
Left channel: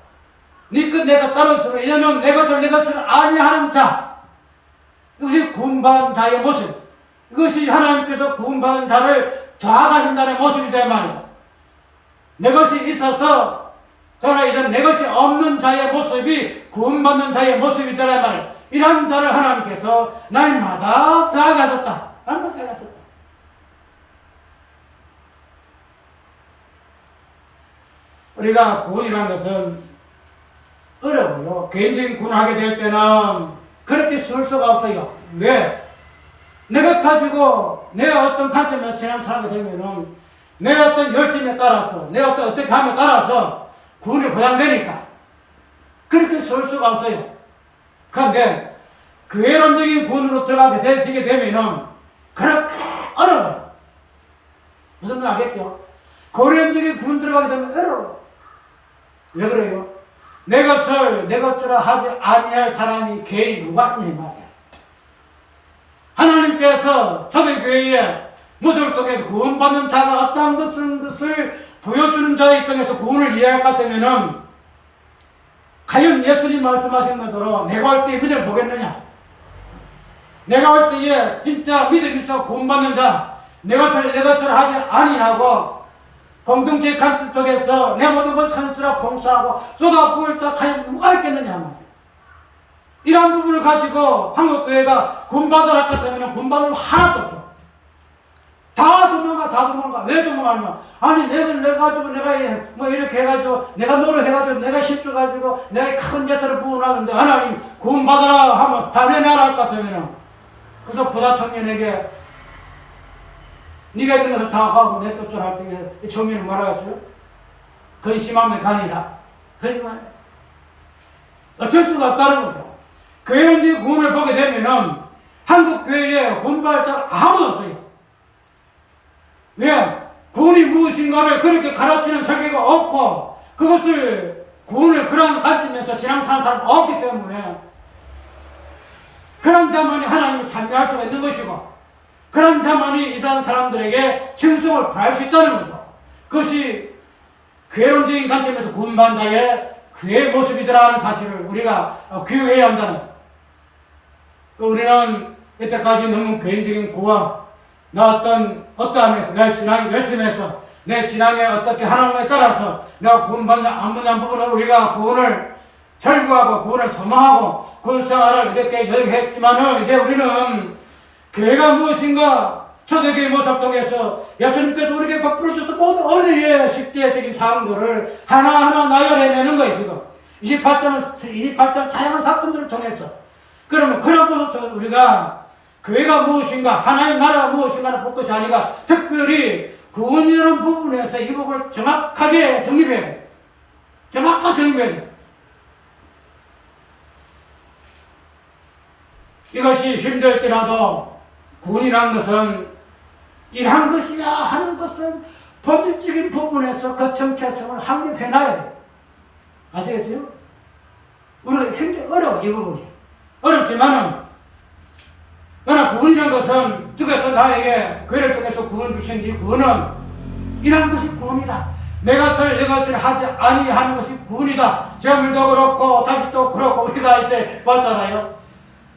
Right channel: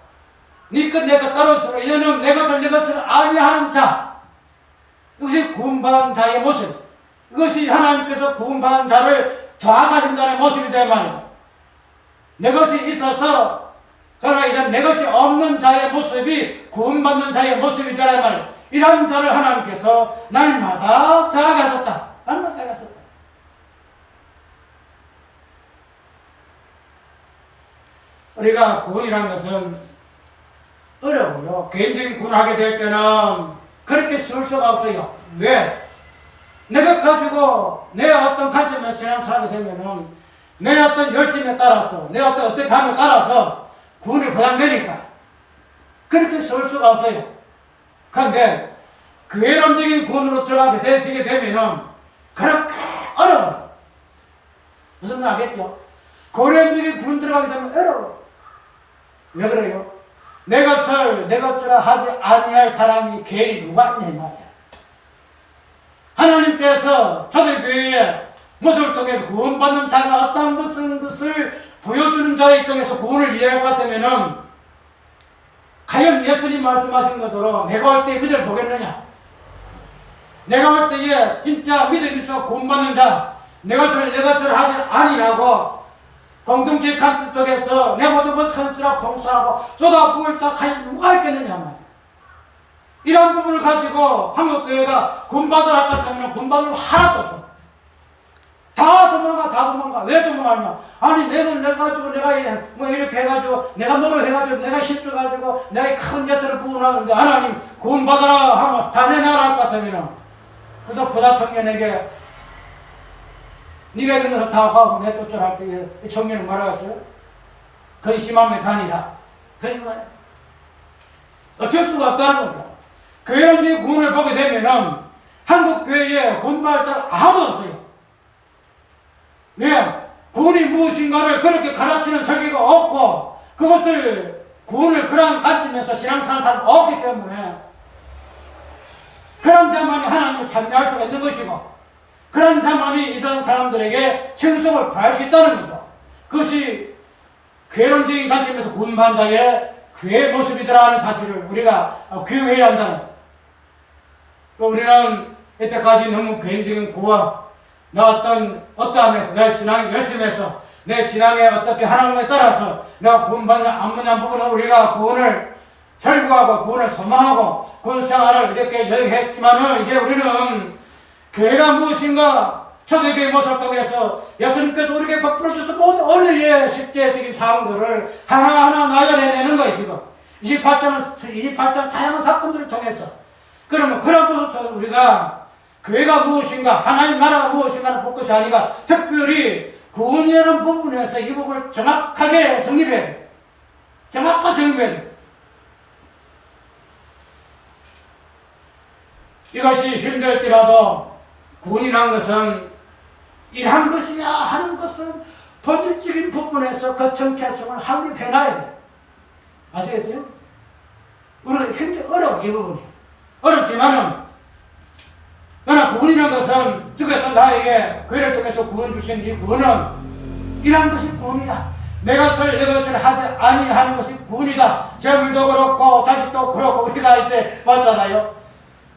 니끝 내가 따르었으면 이제는 내 것을 아니하는 자, 이것이 구원받은 자의 모습, 이것이 하나님께서 구원받은 자를 좌하신다는 모습이다 말이다. 내 것이 있어서 그러나 이제 내 것이 없는 자의 모습이 구원받는 자의 모습이다 말이다. 이런 자를 하나님께서 날마다 더하게 하셨다. 날마다 더하게 하셨다. 우리가 구원이라는 것은 어려워요. 개인적인 구원하게 될 때는 그렇게 쓸 수가 없어요. 왜? 내가 가지고 내 어떤 관점에서 신앙생활하게 되면은 내 어떤 열심에 따라서 내 어떻게 함에 따라서 구원이 보장되니까 그렇게 쓸 수가 없어요. 그런데 괴론적인 구원으로 들어가게 되게 되면은 그렇게 어려워요. 무슨 말 알겠죠? 괴론적인 구원 들어가게 되면 어려워요. 왜 그래요? 내 것으로 하지 아니할 사람이 괜히 누가 있냐 이 말이야. 하나님께서 초대교회에 모습을 통해서 구원받는 자가 어떠한 것을 보여주는 자의 입장에서 구원을 이해할 것 같으면은 과연 예수님 말씀하신 것대로 내가 올 때 믿음을 보겠느냐? 내가 올 때에 진짜 믿음이 있어 구원받는 자, 내 것을 하지 아니하고 공동체 간섭 속에서 내 모든 것 선수라 봉사하고 쏟아부을 자 과연 누가 있겠느냐 말이야. 이런 부분을 가지고 한국교회가 구원받으라 하면 구원받을 하나도 없어. 다 도망가. 왜 도망가냐? 아니, 내가 가지고, 내가 뭐 이렇게 해가지고, 내가 노력해가지고, 내가 힘써가지고, 내가 큰 예수를 부원하는데, 하나님, 구원받으라 하면 다 내놔라 할 것 같으면, 그래서 부자 청년에게, 네가 있는 것을 다 가고 내 뜻대로 할 때, 이 청년은 뭐라고 했어요? 근심하면 가니라. 그러니 말이야. 어쩔 수가 없다는 거죠. 교회론적인 구원을 보게 되면은, 한국교회에 구원받을 자 아무도 없어요. 왜? 구원이 무엇인가를 그렇게 가르치는 설교가 없고 그것을 구원을 그런 관점에서 신앙생활하는 사람은 없기 때문에 그런 자만이 하나님을 찬미할 수가 있는 것이고 그런 자만이 이 사람들에게称颂을 바랄 수 있다는 거죠. 그것이 괴론적인 관점에서 구원받은 자의 교회의 모습이더라 하는 사실을 우리가 교회해야 한다는 거예요. 우리는 이때까지 너무 개인적인 구원 나 어떠함에서, 내 신앙 열심히 해서, 내 신앙에 어떻게 하나님에 따라서 내가 구원받는 안 받는 부분을 우리가 구원을 결구하고 구원을 소망하고 구원 생활을 이렇게 여행했지만은 이제 우리는 교회가 무엇인가 초대교회 모습 통해서 예수님께서 우리에게 베풀어 주셔서 모든 어린이의 실제적인 사항들을 하나하나 나열해내는 거예요, 지금. 28장 다양한 사건들을 통해서. 그러면 그런 모습에서 우리가 교회가 무엇인가, 하나님 나라가 무엇인가를 볼 것이 아니라 특별히 구원이라는 부분에서 이 부분을 정확하게 정립해야 돼요. 정확하게 정립해야 돼요. 이것이 힘들지라도 구원이라는 것은 이한 것이야 하는 것은 본질적인 부분에서 그 정체성을 확립해놔야 돼요. 아시겠어요? 우리가 굉장히 어려워, 이 부분이. 어렵지만은 그러나 구원이라는 것은 주께서 나에게 교회를 통해서 구원 주신 이 구원은 이러한 것이 구원이다. 내 것을 하지 아니하는 것이 구원이다. 재물도 그렇고 자식도 그렇고 우리가 이제 봤잖아요.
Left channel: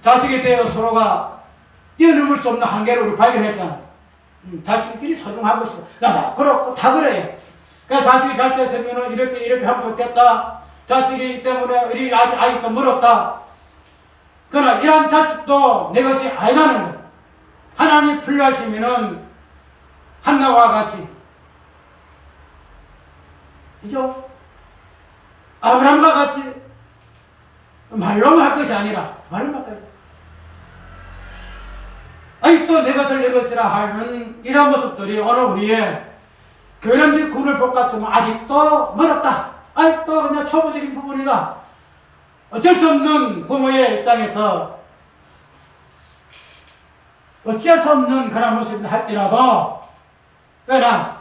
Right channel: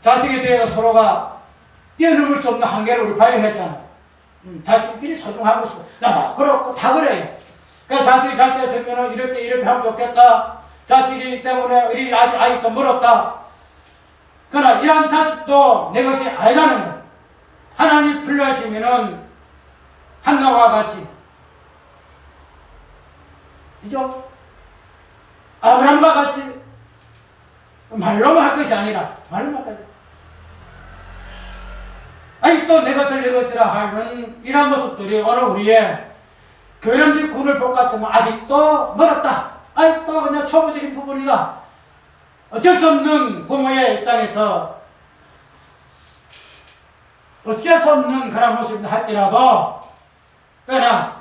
자식에 대해서 서로가 뛰어넘을 수 없는 한계를 우리 발견했잖아요. 자식끼리 소중한 것이 나도 그렇고 다 그래요. 그러니까 자식이 잘 됐으면 이렇게 하면 좋겠다. 자식이기 때문에 우리 아직도 멀었다. 그러나 이런 자식도 내 것이 아니라는 것. 하나님 필요하시면은 한나와 같이, 그죠? 아브라함과 같이 말로만 할 것이 아니라 말로만 할 것이 아직도 내 것이라 하는 이런 모습들이 오늘 우리의 교련적 구원을 볼 것 같으면 아직도 멀었다. 아직도 그냥 초보적인 부분이다. 어쩔 수 없는 부모의 입장에서 어쩔 수 없는 그런 모습을 할지라도 그러나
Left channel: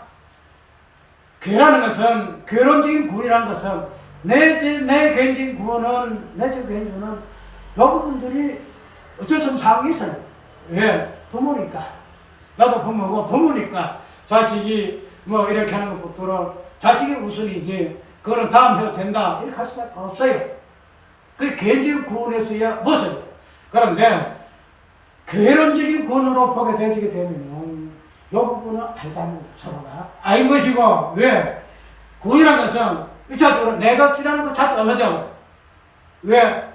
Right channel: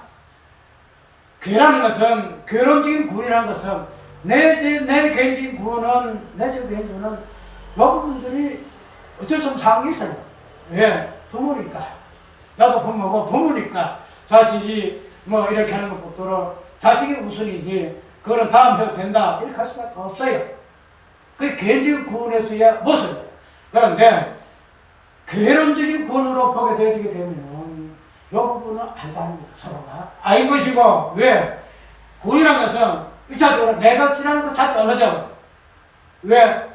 교회라는 것은, 교론적인 구원이라는 것은, 내 개인적인 구원은, 이 부분들이 어쩔 수 없는 상황이 있어요. 왜? 부모니까. 나도 부모고, 부모니까 자식이 뭐 이렇게 하는 것보다는 자식이 우선이지, 그거는 다음 해도 된다, 이렇게 할 수밖에 없어요. 그게 개인적인 구원에서야 모습이에요. 그런데, 개론적인 구원으로 보게 되게 되면은, 이 부분은 알다는 거죠. 서로가. 아닌 것이고, 왜? 구원이라는 것은, 1차적으로 내 것이라는 것 자체가 없어져. 왜?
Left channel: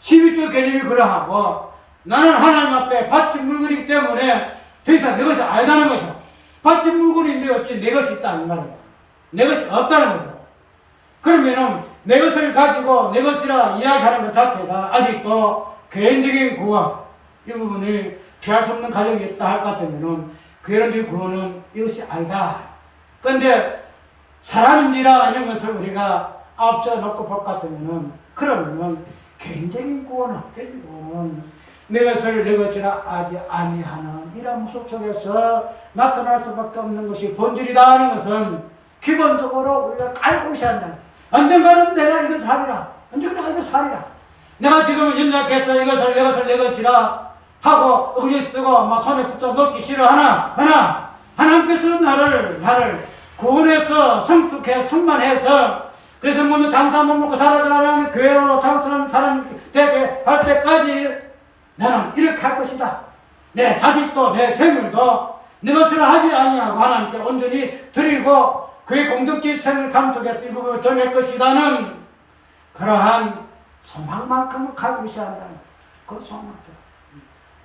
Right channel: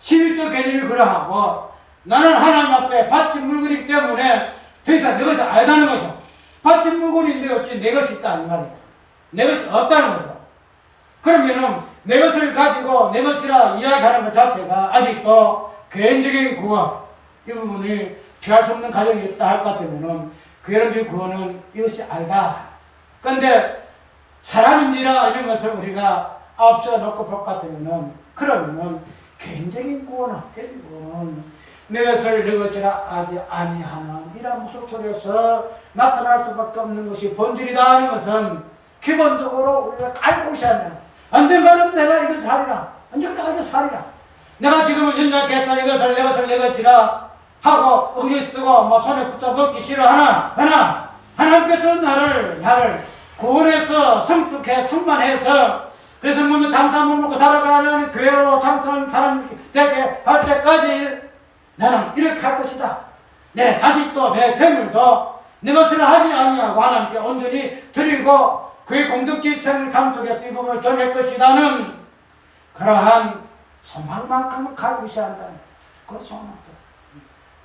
12조 개념이 그러하고, 나는 하나님 앞에 바친 물건이기 때문에 더 이상 내 것을 알다는 거죠. 바친 물건인데 어찌 내 것이 있다, 이 말이야. 내 것이 없다는 거죠. 그러면은, 내 것을 가지고 내 것이라 이야기하는 것 자체가 아직도 개인적인 구원, 이 부분이 피할 수 없는 가정이 있다 할 것 같으면은, 개인적인 구원은 이것이 아니다. 그런데, 사람인지라 이런 것을 우리가 앞서 놓고 볼 것 같으면은, 그러면은, 개인적인 구원은, 내 것을 내 것이라 하지 아니하는 이런 모습 속에서 나타날 수밖에 없는 것이 본질이다 하는 것은 기본적으로 우리가 알고 있어야 한다. 언젠가는 내가 이것을 하리라. 언젠가 내가 이것을 하리라. 내가 지금은 연약해서 이것을 내 것이라 하고 의지 쓰고 뭐 손에 붙잡 놓기 싫어하나 하나님께서 나를 구원해서 성숙해 충만해서 그래서 먹는 장사 못 먹고 살아가는 교회로 장사하는 사람 되게 할 때까지 나는 이렇게 할 것이다. 내 자식도 내 재물도 내 것을 하지 아니하고 하나님께 온전히 드리고 그의 공덕지 생을 참석해서 이 부분을 드릴 것이라는 그러한 소망만큼은 가지고 있어야 한다는 그 소망만큼.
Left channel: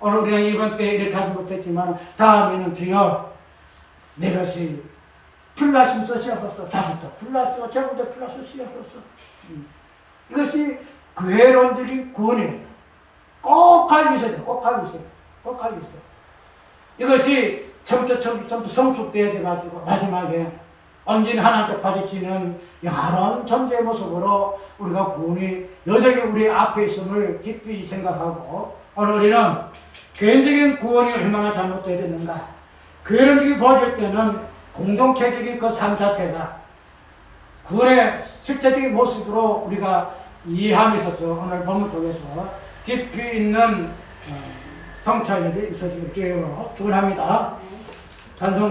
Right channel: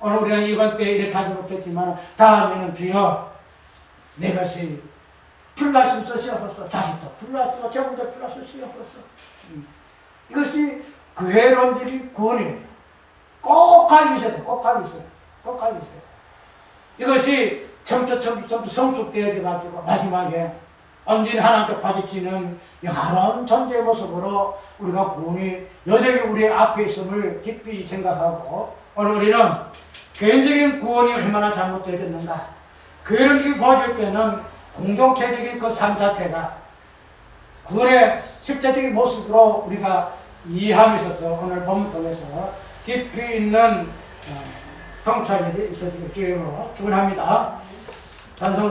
오늘 우리는 이번 때 이렇게 하지 못했지만 다음에는 주여 내 것이 풀나심 쓰시옵소서. 자식도 풀나시고 재물도 풀나심 쓰시옵소서. 이것이 교회론적인 구원이에요. 꼭 가지고 있어야 돼. 꼭 가지고 있어야 돼. 꼭 가지고 있어야 돼. 이것이 점점 성숙되어져 가지고 마지막에 온전히 하나님께 바치는 영원한 존재의 모습으로 우리가 구원이 여전히 우리 앞에 있음을 깊이 생각하고 오늘 우리는 개인적인 구원이 얼마나 잘못되어 있는가, 교회론적인 보여줄 때는 공동체적인 그 삶 자체가 구원의 실제적인 모습으로 우리가 이해함에 있어서 오늘 본문 통해서 깊이 있는 통찰력이 있어지길 주님으로 축원합니다. 찬송